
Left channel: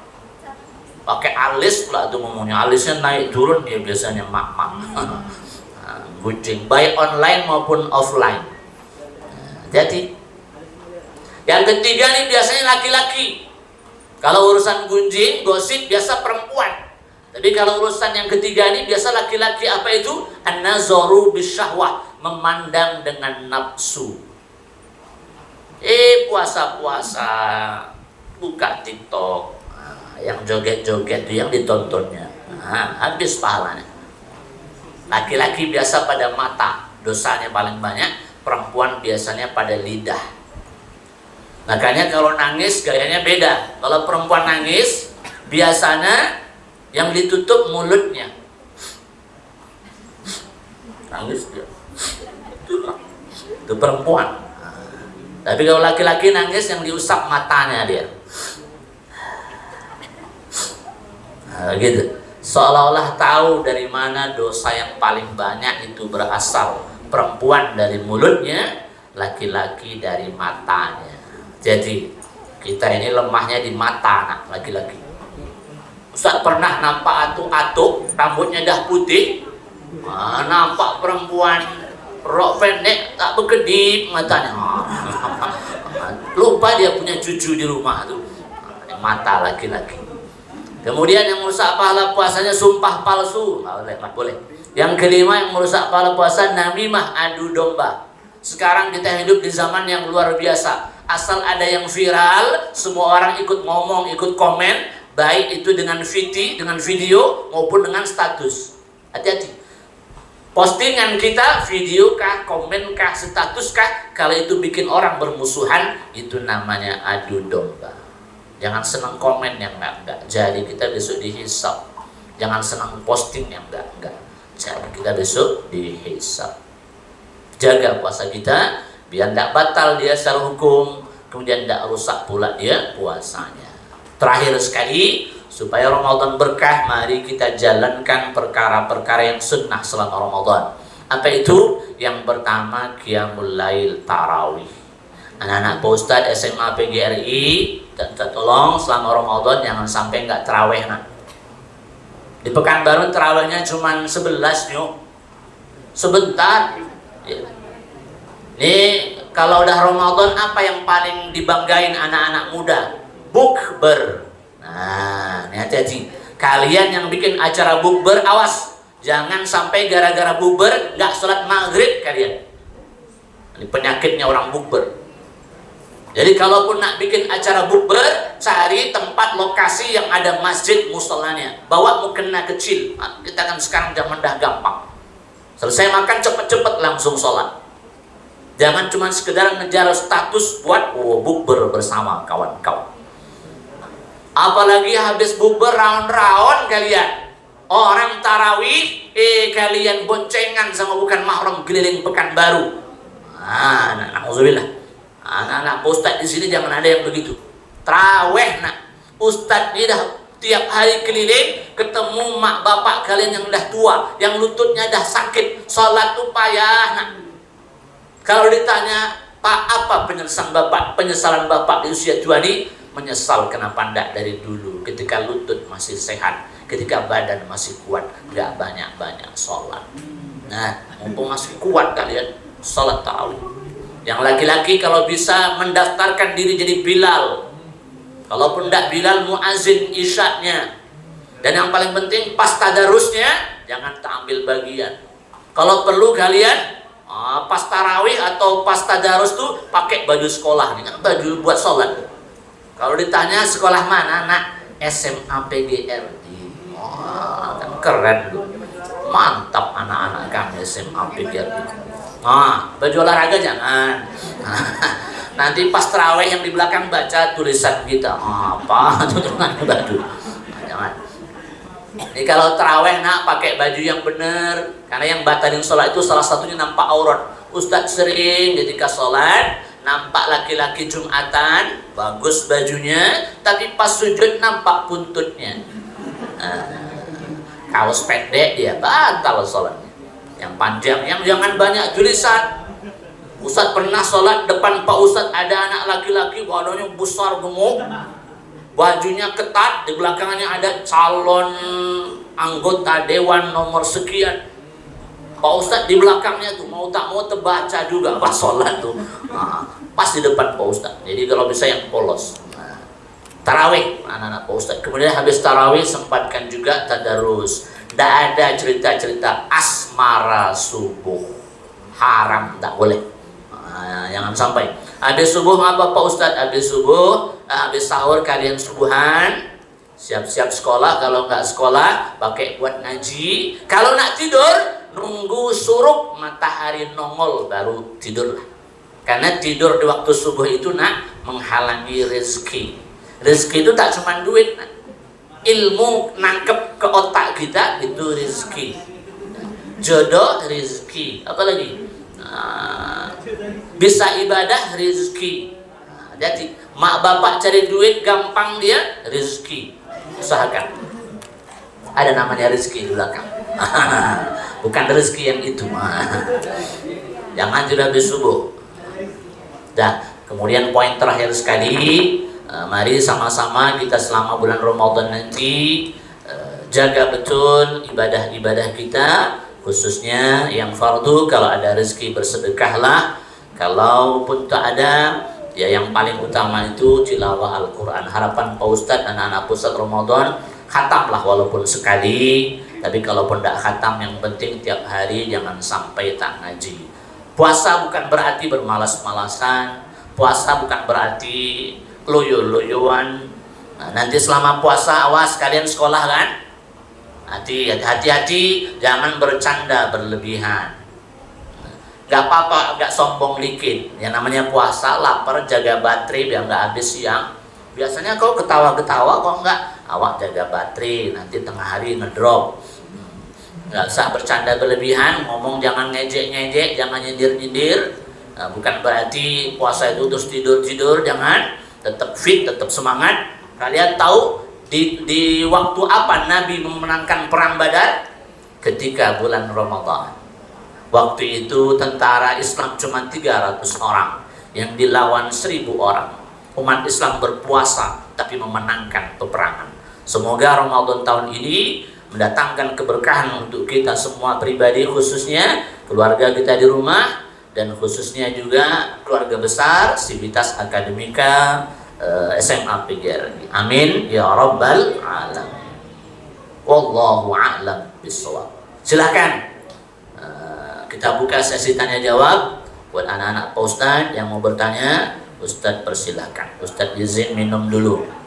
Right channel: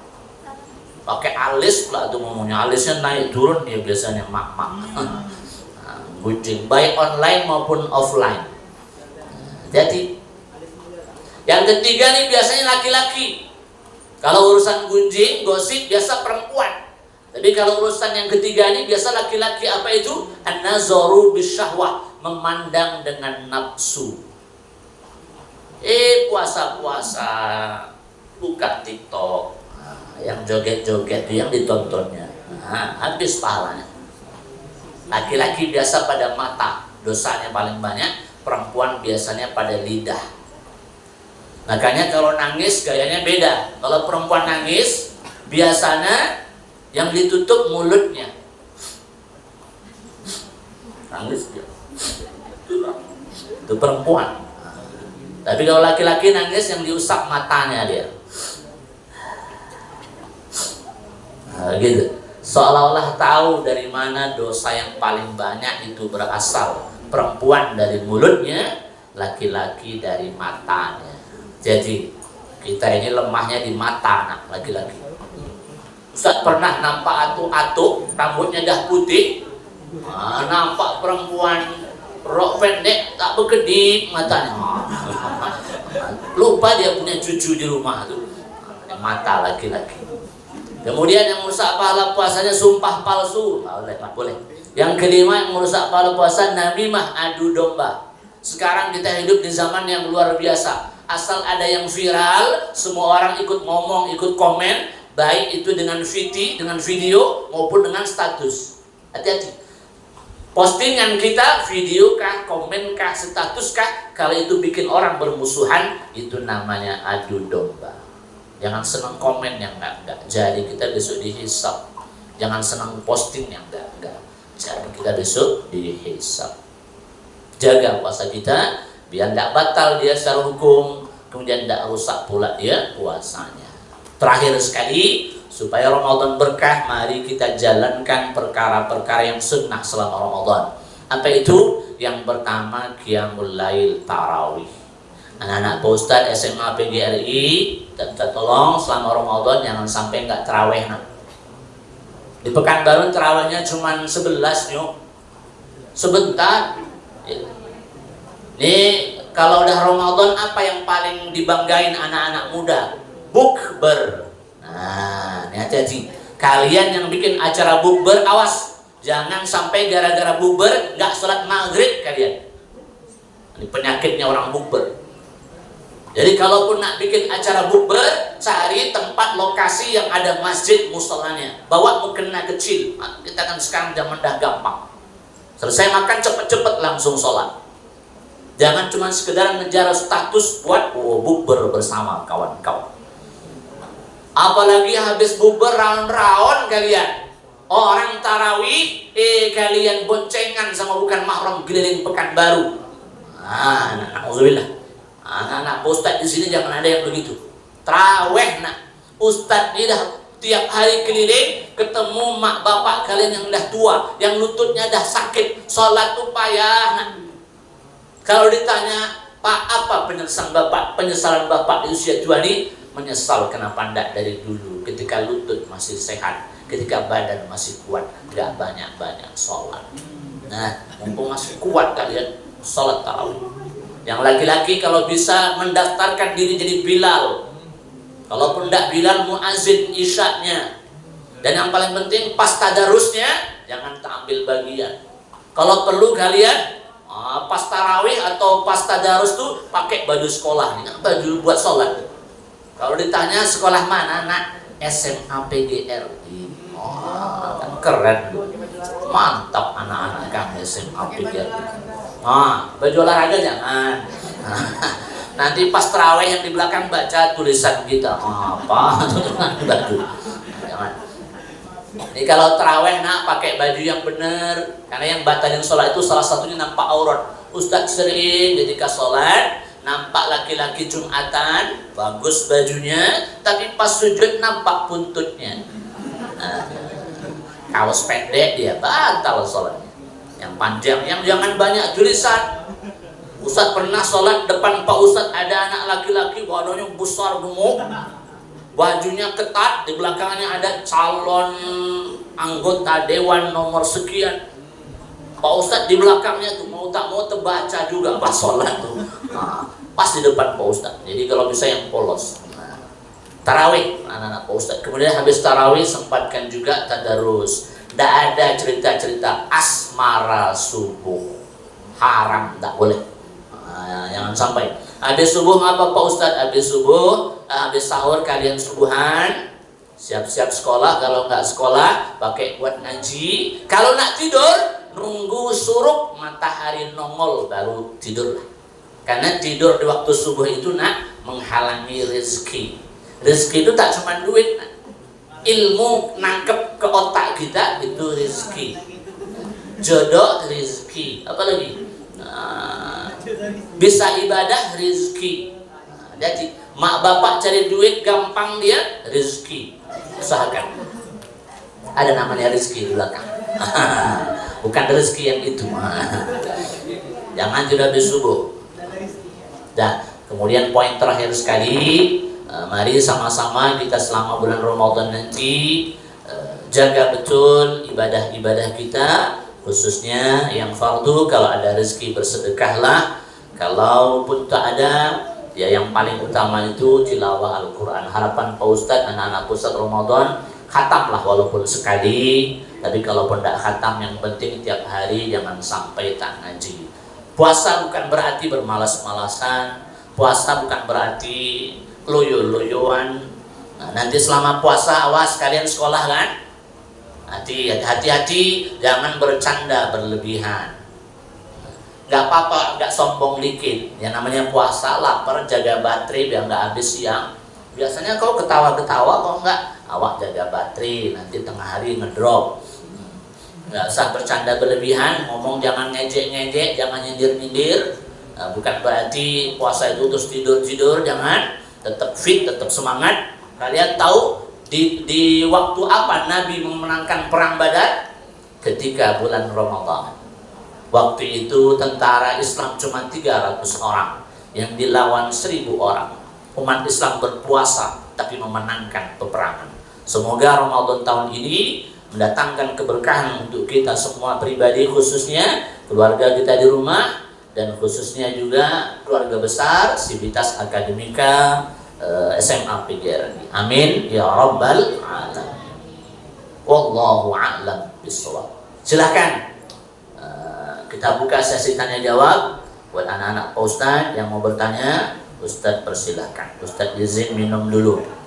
pakai alis pula tuh ngomongnya, alisnya naik turun ya biasanya mak-mak. Gunjing, baik online maupun offline. Jadi yang ketiga nih biasanya laki-laki. Kalau urusan gunjing, gosip biasa perempuan. Tapi kalau urusan yang ketiga ini biasa laki-laki. Apa itu? An-nazaru bisyahwah, memandang dengan nafsu. Puasa-puasa buka TikTok, yang joget-joget yang ditontonnya, habis pahalanya. Laki-laki biasa pada mata, dosanya paling banyak. Perempuan biasanya pada lidah. Makanya kalau nangis gayanya beda. Kalau perempuan nangis biasanya yang ditutup mulutnya. Nangis dia. Itu perempuan. Tapi kalau laki-laki nangis yang diusap matanya dia. Gitu. Seolah-olah tahu dari mana dosa yang paling banyak itu berasal. Perempuan dari mulutnya, laki-laki dari matanya. Jadi kita ini lemahnya di mata anak laki-laki. Ustaz pernah nampak atuk-atuk rambutnya dah putih, nampak perempuan rok pendek tak berkedip matanya. Lupa dia punya cucu di rumah tuh. Mata laki-laki. Kemudian yang merusak pahala puasanya sumpah palsu, nggak boleh. Yang kelima yang merusak pahala puasa, namimah, adu domba. Sekarang kita hidup di zaman yang luar biasa. Asal ada yang viral, semua orang ikut ngomong, ikut komen, baik itu dengan video maupun dengan status. Hati-hati. Postingan kita, video kah, komen kah, status kah, kalau itu bikin orang bermusuhan, itu namanya adu domba. Jangan senang komen yang enggak. Jadi kita besok dihisab. Jangan senang posting yang enggak. Jadi kita besok dihisab. Jaga puasa kita biar enggak batal dia secara hukum, kemudian enggak rusak pula dia puasanya. Terakhir sekali, supaya Ramadan berkah, mari kita jalankan perkara-perkara yang sunnah selama Ramadan. Apa itu? Yang pertama, qiyamul lail, tarawih. Anak-anak Pak Ustadz SMA PGRI, dan tolong selama Ramadan jangan sampai nggak terawih nak. Di Pekanbaru terawihnya cuma 11 yuk, sebentar. Nih kalau udah Ramadan apa yang paling dibanggain anak-anak muda? Bukber. Nah, ini hati-hati. Kalian yang bikin acara bukber, awas, jangan sampai gara-gara bukber nggak sholat maghrib kalian. Ini penyakitnya orang bukber. Jadi kalaupun nak bikin acara bukber, cari tempat lokasi yang ada masjid musolanya. Bawa mukena kecil. Kita kan sekarang zaman dah gampang. Selesai makan cepet-cepet langsung sholat. Jangan cuma sekedar ngejar status buat bukber bersama kawan-kawan. Apalagi habis bukber raun-raun kalian. Orang tarawih, kalian boncengan sama bukan mahram keliling Pekanbaru. Na'udzubillah. Anak-anak ustadz di sini jangan ada yang begitu. Taraweh nak, ustadz ini dah tiap hari keliling ketemu mak bapak kalian yang dah tua, yang lututnya dah sakit, sholat tuh payah nak. Kalau ditanya, Pak, apa penyesalan bapak di usia tua ini? Menyesal kenapa ndak dari dulu, ketika lutut masih sehat, ketika badan masih kuat, nggak banyak-banyak sholat. Nah, mumpung masih kuat kalian, sholat tarawih. Yang laki-laki kalau bisa mendaftarkan diri jadi Bilal. Kalaupun tidak Bilal, muazin isyaknya. Dan yang paling penting pas tadarusnya jangan tak ambil bagian. Kalau perlu kalian pas tarawih atau pas tadarus tuh pakai baju sekolah, baju buat sholat. Kalau ditanya sekolah mana, nak? SMA PGR. Kan keren tuh. Mantap anak-anak kami SMA PGR. Baju olahraga jangan. Nanti pas terawih yang di belakang baca tulisan kita. Apa? Jangan baju. Jangan. Jadi kalau terawih nak pakai baju yang benar, karena yang batalin sholat itu salah satunya nampak aurat. Ustadz sering ketika sholat nampak laki-laki Jumatan, bagus bajunya, tapi pas sujud nampak buntutnya. Kaos pendek dia batal sholatnya. Yang panjang, yang jangan banyak tulisan. Ustadz pernah sholat depan Pak Ustadz, ada anak laki-laki badannya besar gemuk, bajunya ketat, di belakangnya ada calon anggota dewan nomor sekian. Pak Ustadz di belakangnya tuh mau tak mau terbaca juga pas sholat tuh. Pas di depan Pak Ustadz. Jadi kalau bisa yang polos. Tarawih anak-anak Pak Ustadz. Kemudian habis tarawih sempatkan juga tadarus. Tidak ada cerita-cerita asmara subuh, haram, tak boleh. Jangan sampai. Habis subuh apa Pak Ustadz? Habis subuh, habis sahur kalian subuhan, siap-siap sekolah. Kalau nggak sekolah, pakai buat ngaji. Kalau nak tidur, nunggu suruk matahari nongol baru tidur. Karena tidur di waktu subuh itu nak menghalangi rezeki. Rezeki itu tak cuma duit, nak. Ilmu nangkep ke otak kita itu rezeki, jodoh rezeki, apalagi bisa ibadah rezeki. Jadi mak bapak cari duit gampang dia rezeki, usahakan ada namanya rezeki di belakang. Bukan rezeki yang itu. Jangan tidak habis subuh. Dan kemudian poin terakhir sekali, mari sama-sama kita selama bulan Ramadan nanti jaga betul ibadah-ibadah kita, khususnya yang fardu. Kalau ada rezeki bersedekahlah, kalaupun tak ada, ya yang paling utama itu tilawah Al-Quran. Harapan Pak Ustadz, anak-anak pusat Ramadan, khatamlah walaupun sekali. Tapi kalaupun tidak khatam, yang penting tiap hari jangan sampai tak ngaji. Puasa bukan berarti bermalas-malasan, puasa bukan berarti loyo-loyoan. Nanti selama puasa awas kalian sekolah kan, hati-hati jangan bercanda berlebihan. Gak apa-apa, gak sombong dikit. Yang namanya puasa, lapar, jaga baterai biar gak habis siang. Biasanya kau ketawa-ketawa, kok enggak, awak jaga baterai, nanti tengah hari ngedrop. Gak usah bercanda berlebihan, ngomong jangan ngejek-ngejek, jangan nyindir-nyindir. Bukan berarti puasa itu terus tidur-tidur, jangan. Tetap fit, tetap semangat. Kalian tahu di waktu apa Nabi memenangkan perang Badar? Ketika bulan Ramadan. Waktu itu tentara Islam cuma 300 orang yang dilawan 1000 orang. Umat Islam berpuasa tapi memenangkan peperangan. Semoga Ramadan tahun ini mendatangkan keberkahan untuk kita semua pribadi, khususnya keluarga kita di rumah, dan khususnya juga keluarga besar Sivitas Akademika SMA PGRI. Amin ya rabbal alamin. Wallahu a'lam bishawab. Silakan kita buka sesi tanya jawab buat anak-anak Pak Ustadz yang mau bertanya. Ustadz persilahkan, Ustadz izin minum dulu.